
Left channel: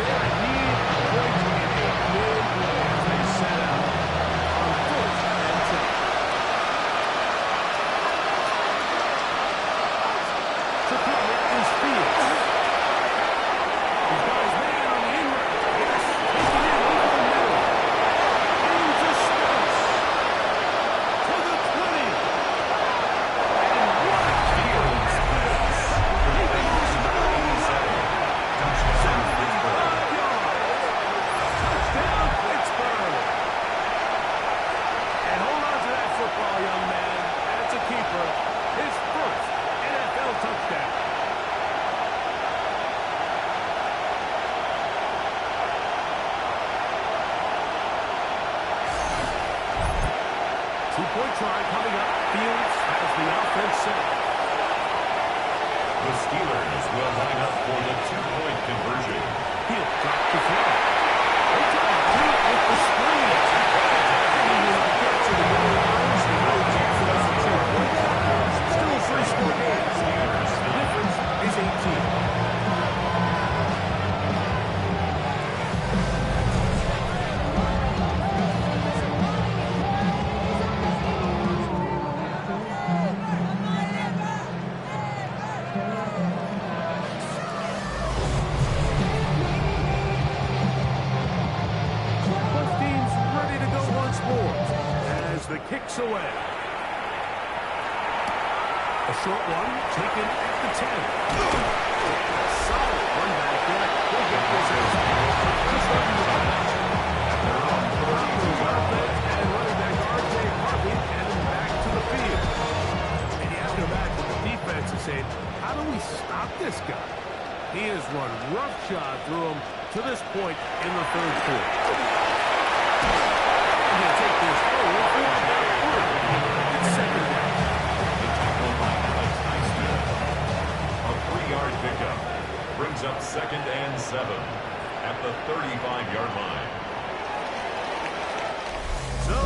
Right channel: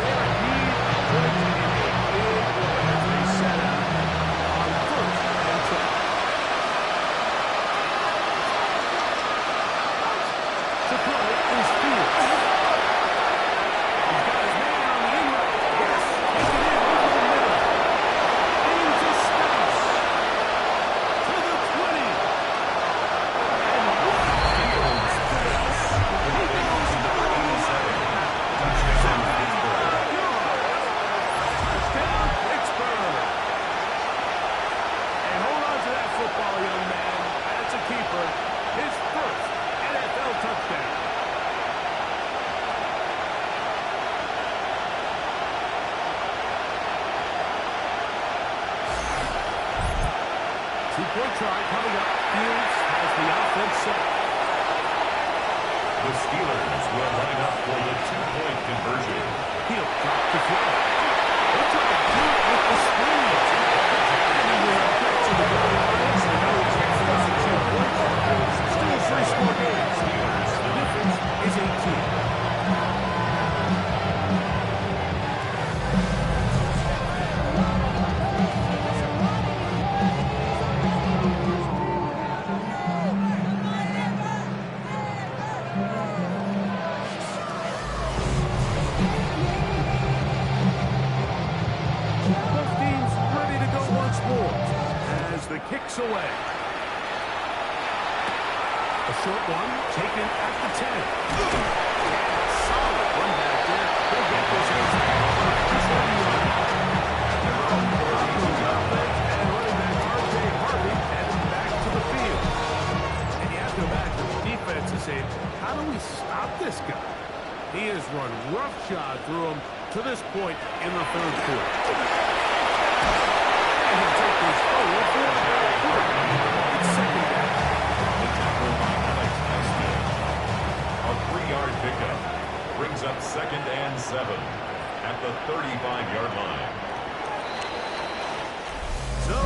They are in need of points in a big way as they set out on 1st and 10. To throw it is Fields. He's got his man on the in route. Yes, take it in over the middle. Into space. To the 20. And what a Fields pass. He goes down. 75 yards. Touchdown, Pittsburgh. And hold on to that football, young man. That's a keeper. His first NFL touchdown. Two-point try coming up. Fields has the offense set. The Steelers will line up for the 2-point conversion. He'll drop to throw. He'll try to do it with the screen. And he will get to the goal line. So no chance for the 2-point. Still a three-score game. Steelers The difference is 18. the kicks away. A short one taken at the 10. And a solid run back there. He'll get this out. At their own 32-yard line. And running back R.J. Harvey heading back to the field. And you have to imagine the defense is saying, how do we stop this guy? He has run roughshod through him to this point in the third quarter. And he'll take this forward for about 3. It's second down. The tackle by Alex Highsmith. A 3-yard pickup brings up 2nd and 7 at the 35-yard line. So,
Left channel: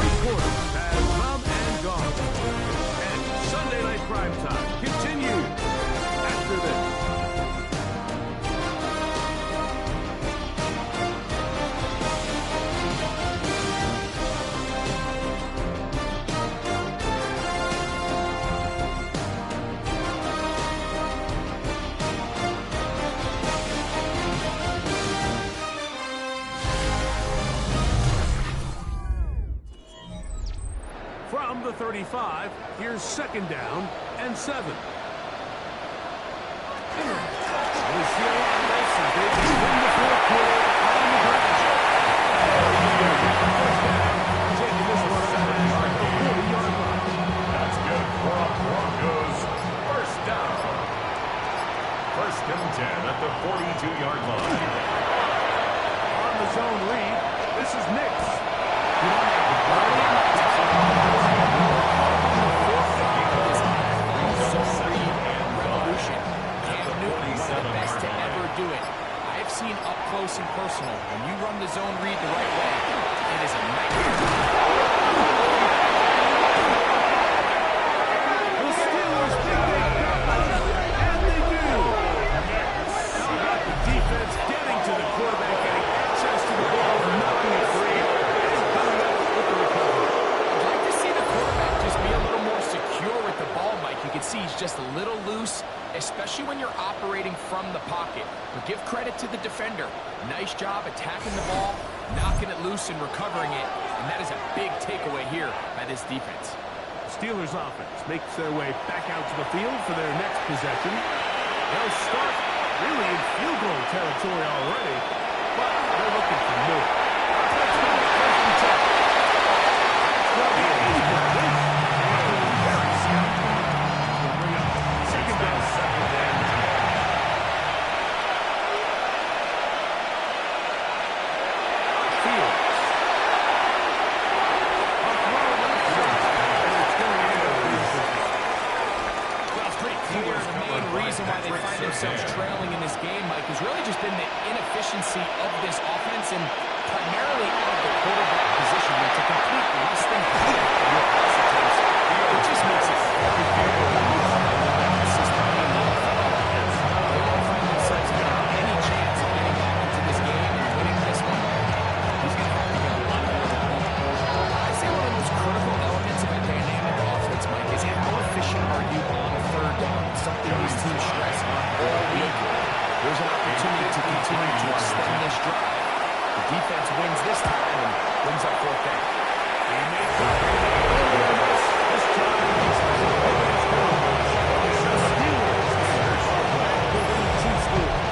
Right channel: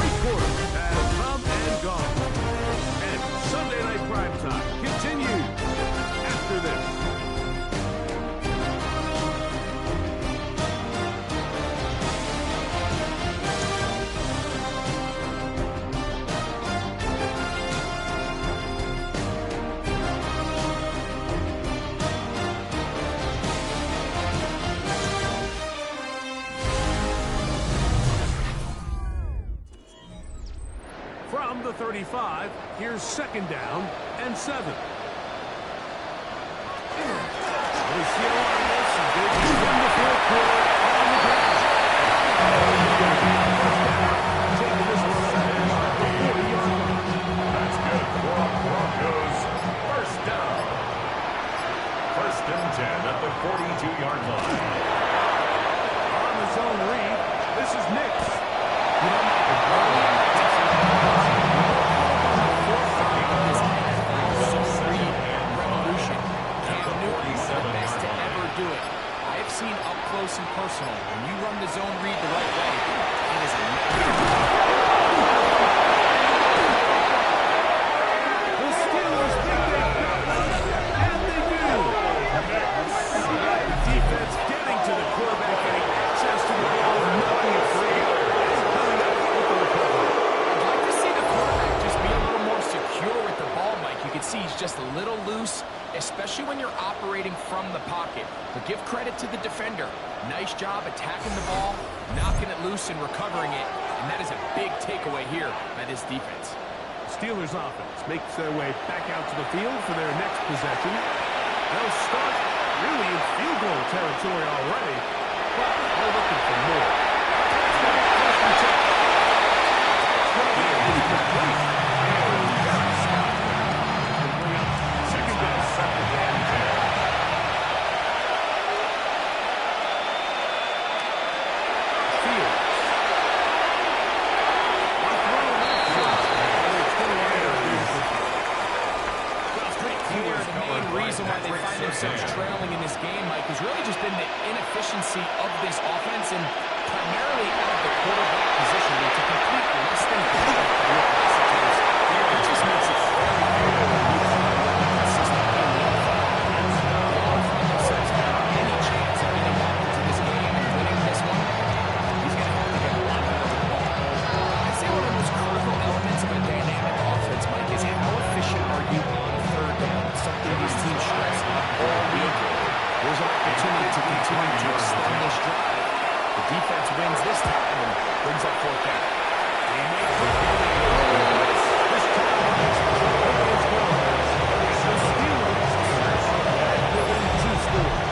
3 quarters have come and gone. And Sunday Night Primetime continues after this. From the 35, here's 2nd down and 7. We see a lot of this as they begin the fourth quarter on the ground. First down, taking this one up at the 40-yard line. That's good for a Broncos first down. 1st and 10 at the 42-yard line. On the zone read, this is Nix. You know, the brilliant revolution. Cam Newton, one of the best to ever do it. I have seen up close and personal. When you run the zone read the right way, it is a nightmare. The Steelers think they got us, and they do. The defense getting to the quarterback, getting access to the ball, not being free, and coming up with the recovery. I'd like to see the quarterback just be a little more secure with the ball, Mike. You can see he's just a little loose, especially when you're operating from the pocket. But give credit to the defender. Nice job attacking the ball, knocking it loose and recovering it. And that is a big takeaway here by this defense. Steelers offense makes their way back out to the field for their next possession. They'll start really in field goal territory already, but they're looking for more. Touchdown, 1st and 10. That's complete. And very stout. Will bring up 2nd down, 2nd and 10. Fields. On throw, left shot. And it's going to end up being Well, it's pretty clear the main reason why they find themselves trailing in this game, Mike, has really just been the inefficiency of this offense and primarily out of the quarterback position. To complete less than half of your pass attempts, it just makes it very difficult to move on consistently in the NFL. They want to find themselves having any chance of getting back into this game and winning this one. He's going to have to get a lot better with the ball. I'd say one of the most critical elements of a dynamic offense, Mike, is how efficient are you on 3rd down? It's something these teams stress all week. There's an opportunity to continue to extend this drive. The defense wins this time and brings up 4th down. He makes it. This time makes the biggest goal. The Steelers are back within 2 scores.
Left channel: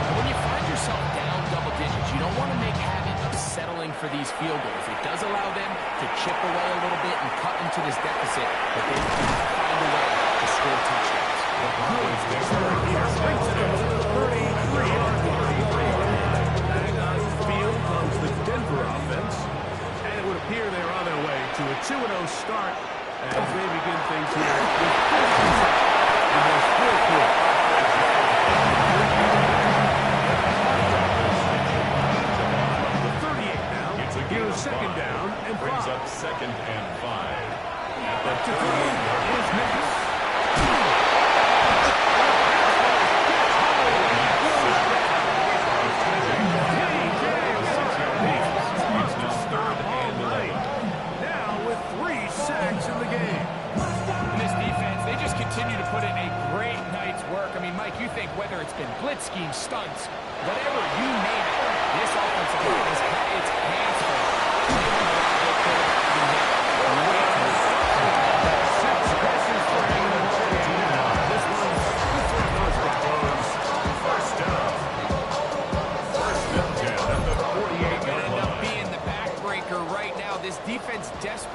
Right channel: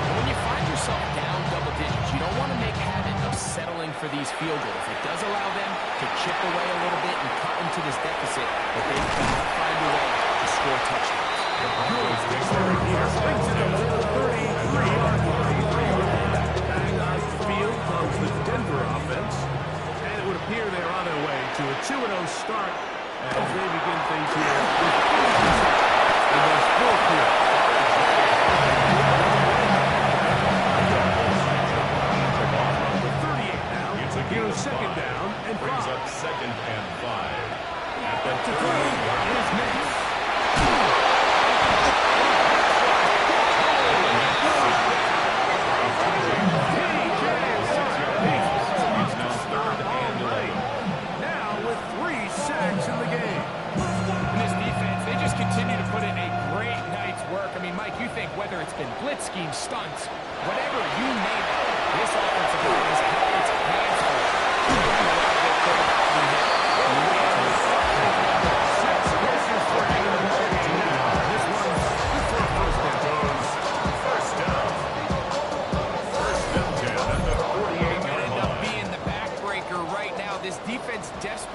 And when you find yourself down double digits, you don't want to make habit of settling for these field goals. It does allow them to chip away a little bit and cut into this deficit, but they've got to find a way to score touchdowns. Good start here. Brings it up to the 33-yard line. Back on the field comes the Denver offense. And it would appear they're on their way to a 2-0 start as they begin things here with 40% in this fourth quarter. From the 38 now, here's 2nd down and 5. Brings up 2nd and 5 at the To throw 38-yard is line. Nix. It's now 3rd and 11. Now with 3 sacks in the game. In this defense, they just continue to put in a great night's work. I mean, Mike, you think whether it's been blitz schemes, stunts, whatever you name it, this offensive line has had its hands full. They've allowed their quarterback to be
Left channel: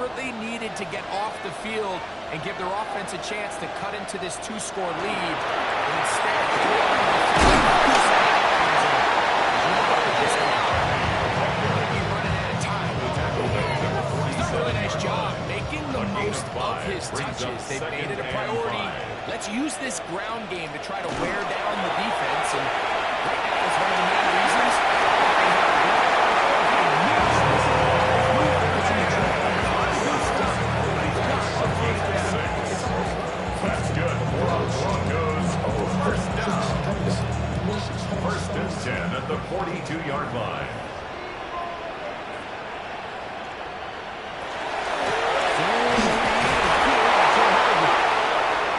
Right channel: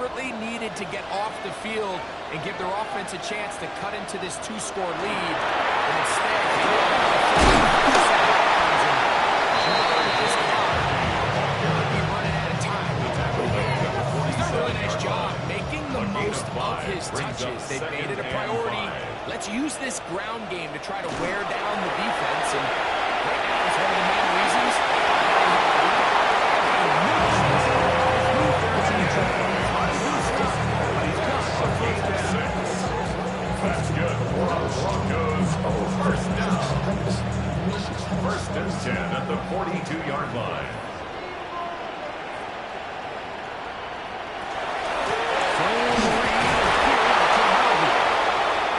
desperately needed to get off the field and give their offense a chance to cut into this 2-score lead. But instead, they go out of the field. As you look at this clock, they'll be running out of time. He's done a really nice job making the most of his touches. They've made it a priority. Let's use this ground game to try to wear down the defense. And right now, it's one of the main reasons they have That's good for the Broncos. First down. First and 10 at the 42-yard line.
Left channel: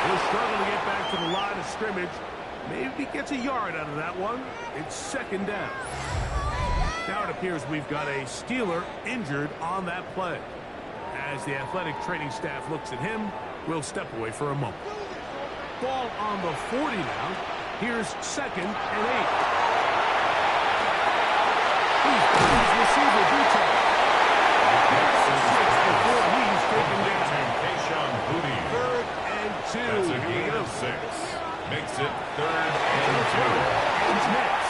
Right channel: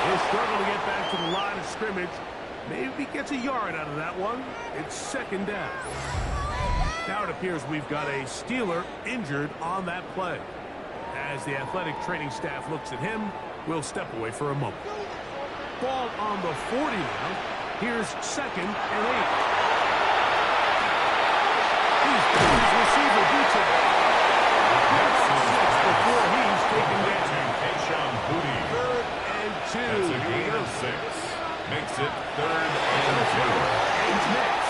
He'll struggle to get back to the line of scrimmage. Maybe gets a yard out of that one. It's second down. Now it appears we've got a Steeler injured on that play. As the athletic training staff looks at him, we'll step away for a moment. Ball on the 40 now. Here's second and 8. He's got his receiver detail. Before he's taken down. Third and 2. That's a Here we gain go. of 6. Makes it third and 2. He's next.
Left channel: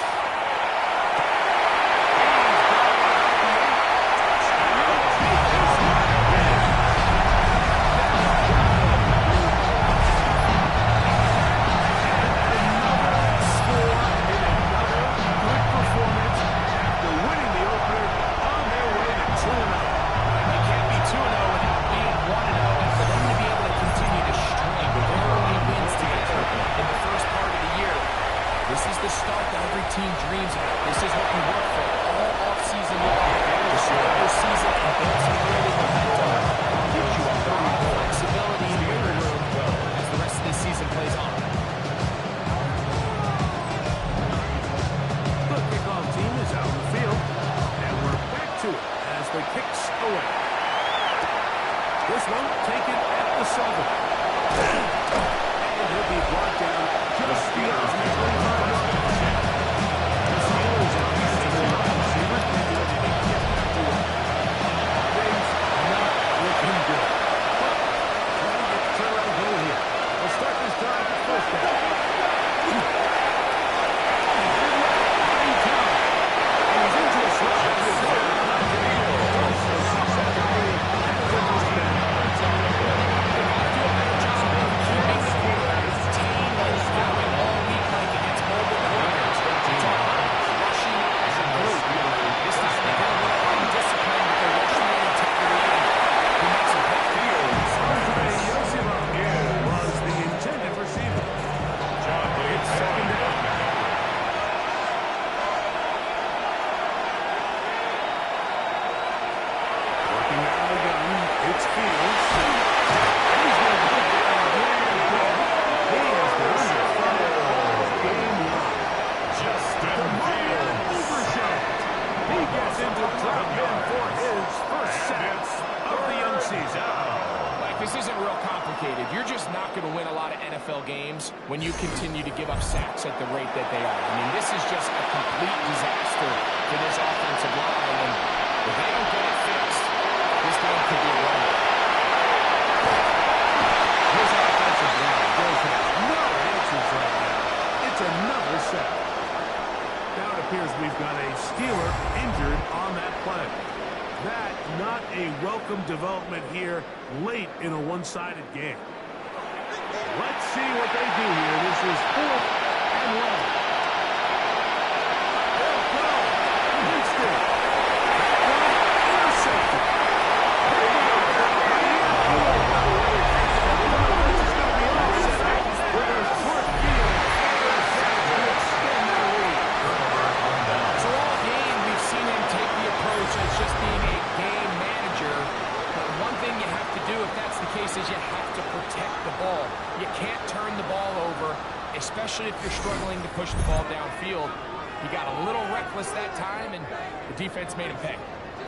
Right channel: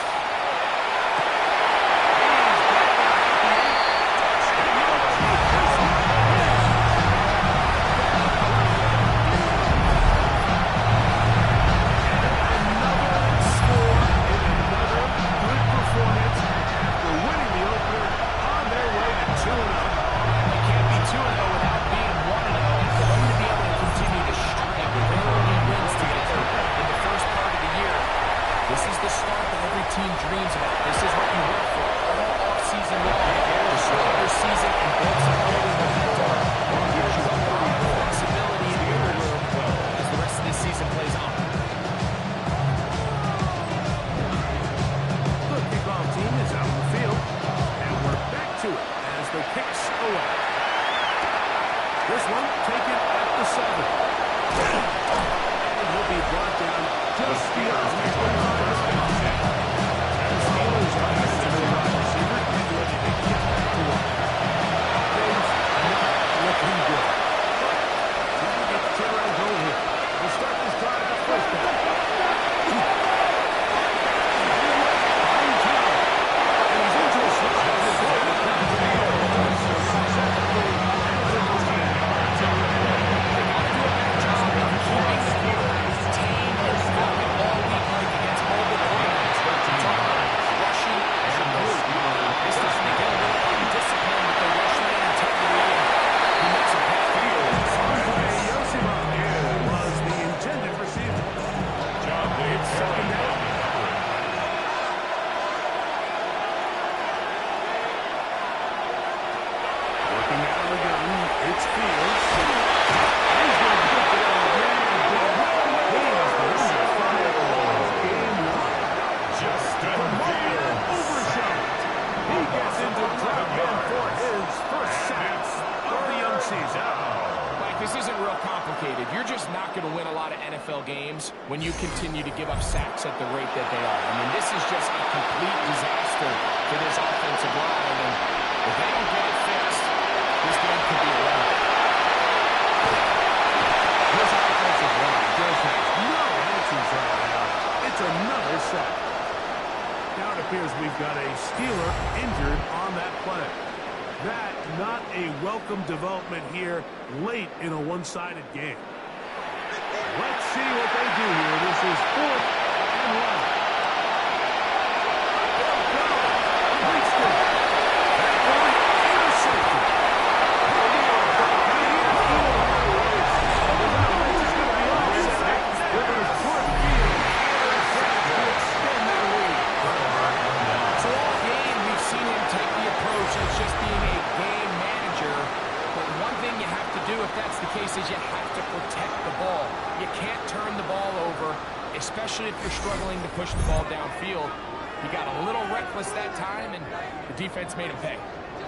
This is the start that every team dreams about. This is what you work for all offseason long. To start your season and build some early momentum. It gives you a lot of flexibility and wiggle room as the rest of this season plays on. The kickoff team is out on the field, and we're back to it as the kicks away. This one taken at the 7. And he'll be brought down just beyond the 25-yard line. The Steelers offensive wide receiver getting ready to get back to work. Things not looking good. But trying to get the turnaround going here. We'll start this drive with first down. Buying time. And he's into a slot. And he's going to the field. Does so successfully. And it's a first down. They got to do a better job of keeping the quarterback contained in the pocket all week, like against mobile quarterbacks. You talk about rushing as a group. This time they get a little undisciplined with their rush lane integrity, and he makes a pass. Andre Yosima was the intended receiver. It's second down. Working out of the gun, it's Fields. He's going to put down again. He has been under fire all game long. Justin Fields. Overshot. He gets into drop in for his first sack of the young season. Mike, this isn't real complicated. You're just not going to win a lot of NFL games when you continue to give up sacks at the rate that they are. I mean, this is just a complete disaster for this offensive line, and if they don't get it fixed, this game could be a run. This offensive line does have no answers right now. It's another sack. Now it appears we've got a Steeler injured on that play. That not a welcome development here late in a one-sided game. Let's see what they do here. This is 4th and 1. They'll go. Winston. That one intercepted. So all game, we've seen him take the approach as just being a game manager. But one thing you have to do, if that's the case, is you have to protect the ball. You can't turn the ball over, especially if you're struggling to push the ball downfield. He got a little reckless that time, and the defense made him pay.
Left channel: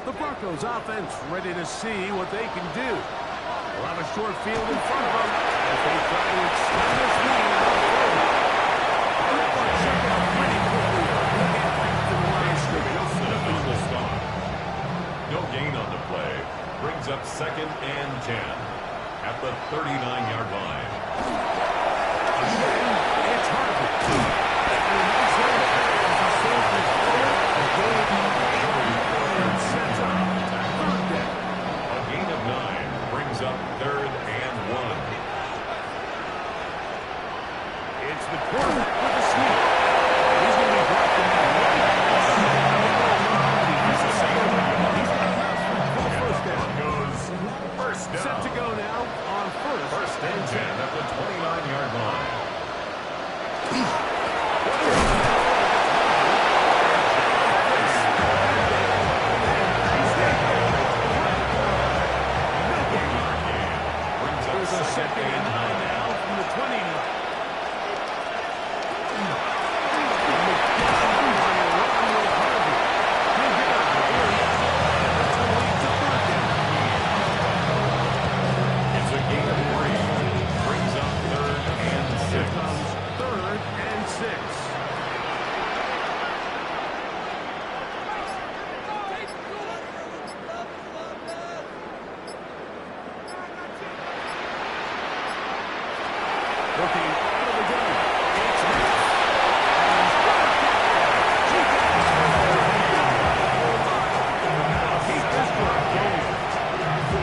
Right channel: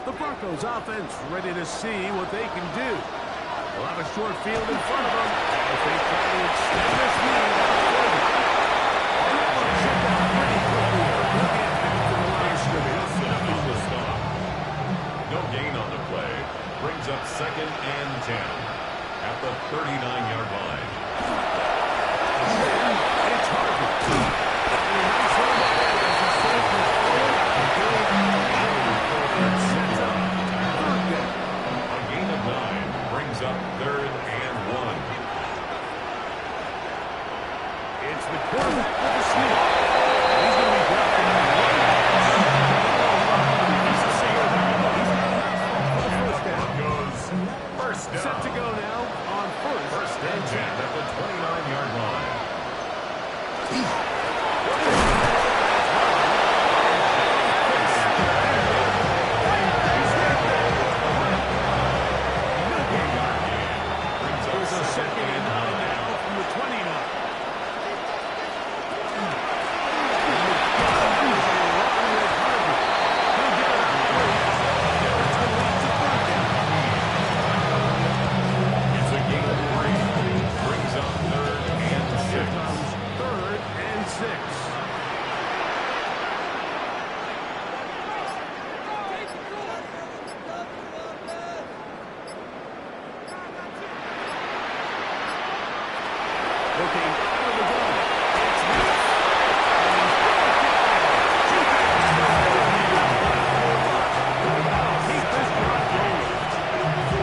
The Broncos offense ready to see what they can do. They'll have a short field in front of them as they try to extend this lead out further. And that one checked out pretty quickly. He'll get back to the line of scrimmage. Wilson on the stop. No gain on the play. Brings up second and 10 at the 39-yard line. It's Harvey. And a nice run there as he surges forward. A gain of 8 and sets up third down. A gain of 9 brings up third and 1. It's the quarterback with the sneak. And he's going to be brought down right He's the same. He's got enough for the first down. Goes first down. Set to go now on First and 10 at the 29-yard line. There's a second and 9 now from the 29. It's a gain of 3. Brings up third and 6. Here comes third and 6. Looking out of the gun. It's Nick. And he's going to get there. That'll keep this drive going.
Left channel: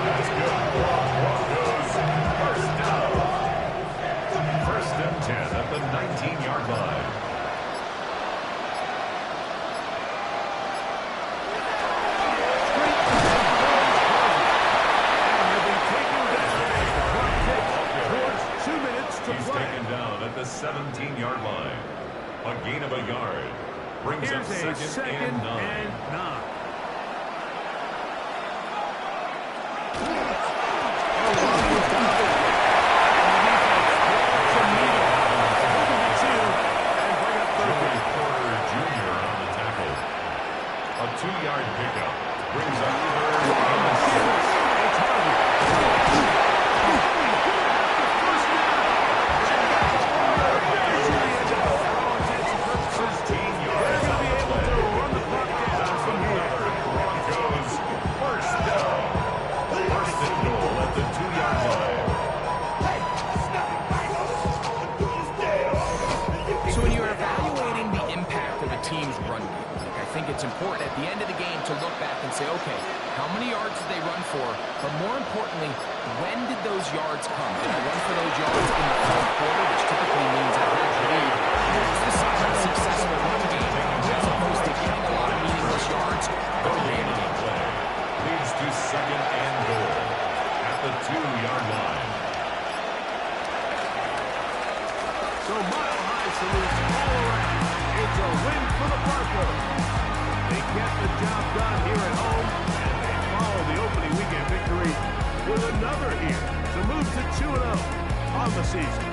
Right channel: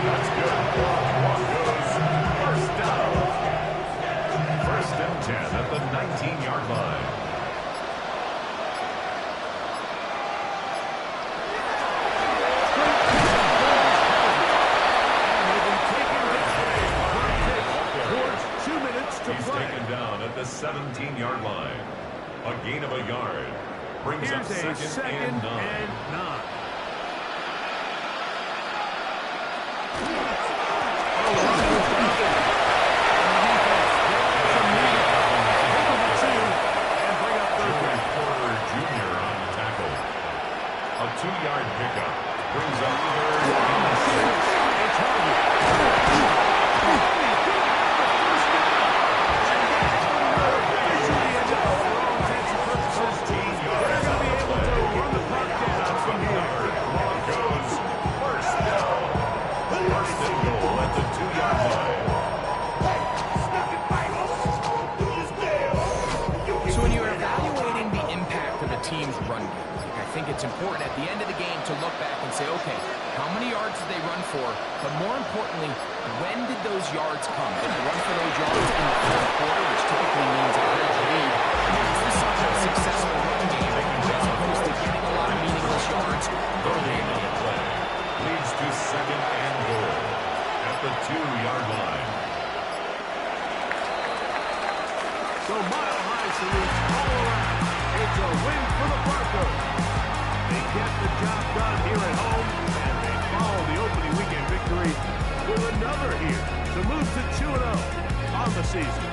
That's good. Broncos first down. First and 10 at the 19-yard line. Straight ahead goes Harvey. And he'll be taken down as the clock ticks towards 2 minutes to He's play. taken down at the 17-yard line. A gain of a yard. Brings up Here's a second and 9. and 9. Porter Jr. on the tackle. A 2-yard pickup brings up third and 6. It's Harvey. He's going to have the first down. Officially enough for all intents and purposes. 13 yards They're on going to be the able play. to run the clock down from here. Another Broncos first down. First and goal at the 2-yard line. So when you're evaluating the impact of a team's run game, Mike, I think it's important at the end of the game to look back and say, okay, how many yards did they run for? But more importantly, when did those yards come? Did I run for those yards in the fourth quarter, which typically means I held the lead? It's the sign of a successful run game, as opposed to getting a lot of meaningless yards early in the game. Play leads to second and goal at the 2-yard line. So mile-high salutes all around. It's a win for the Broncos. They get the job done here at home, and they follow the opening weekend victory with another here to move to 2-0 on the season.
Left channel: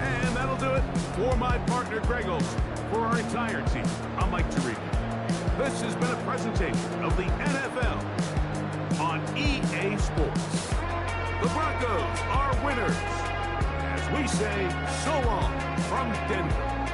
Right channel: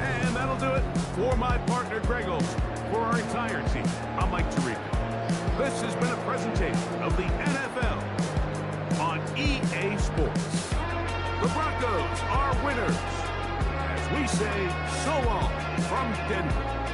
And that'll do it for my partner, Greg Olson. For our entire team, I'm Mike Tirico. This has been a presentation of the NFL on EA Sports. The Broncos are winners. As we say, so long from Denver.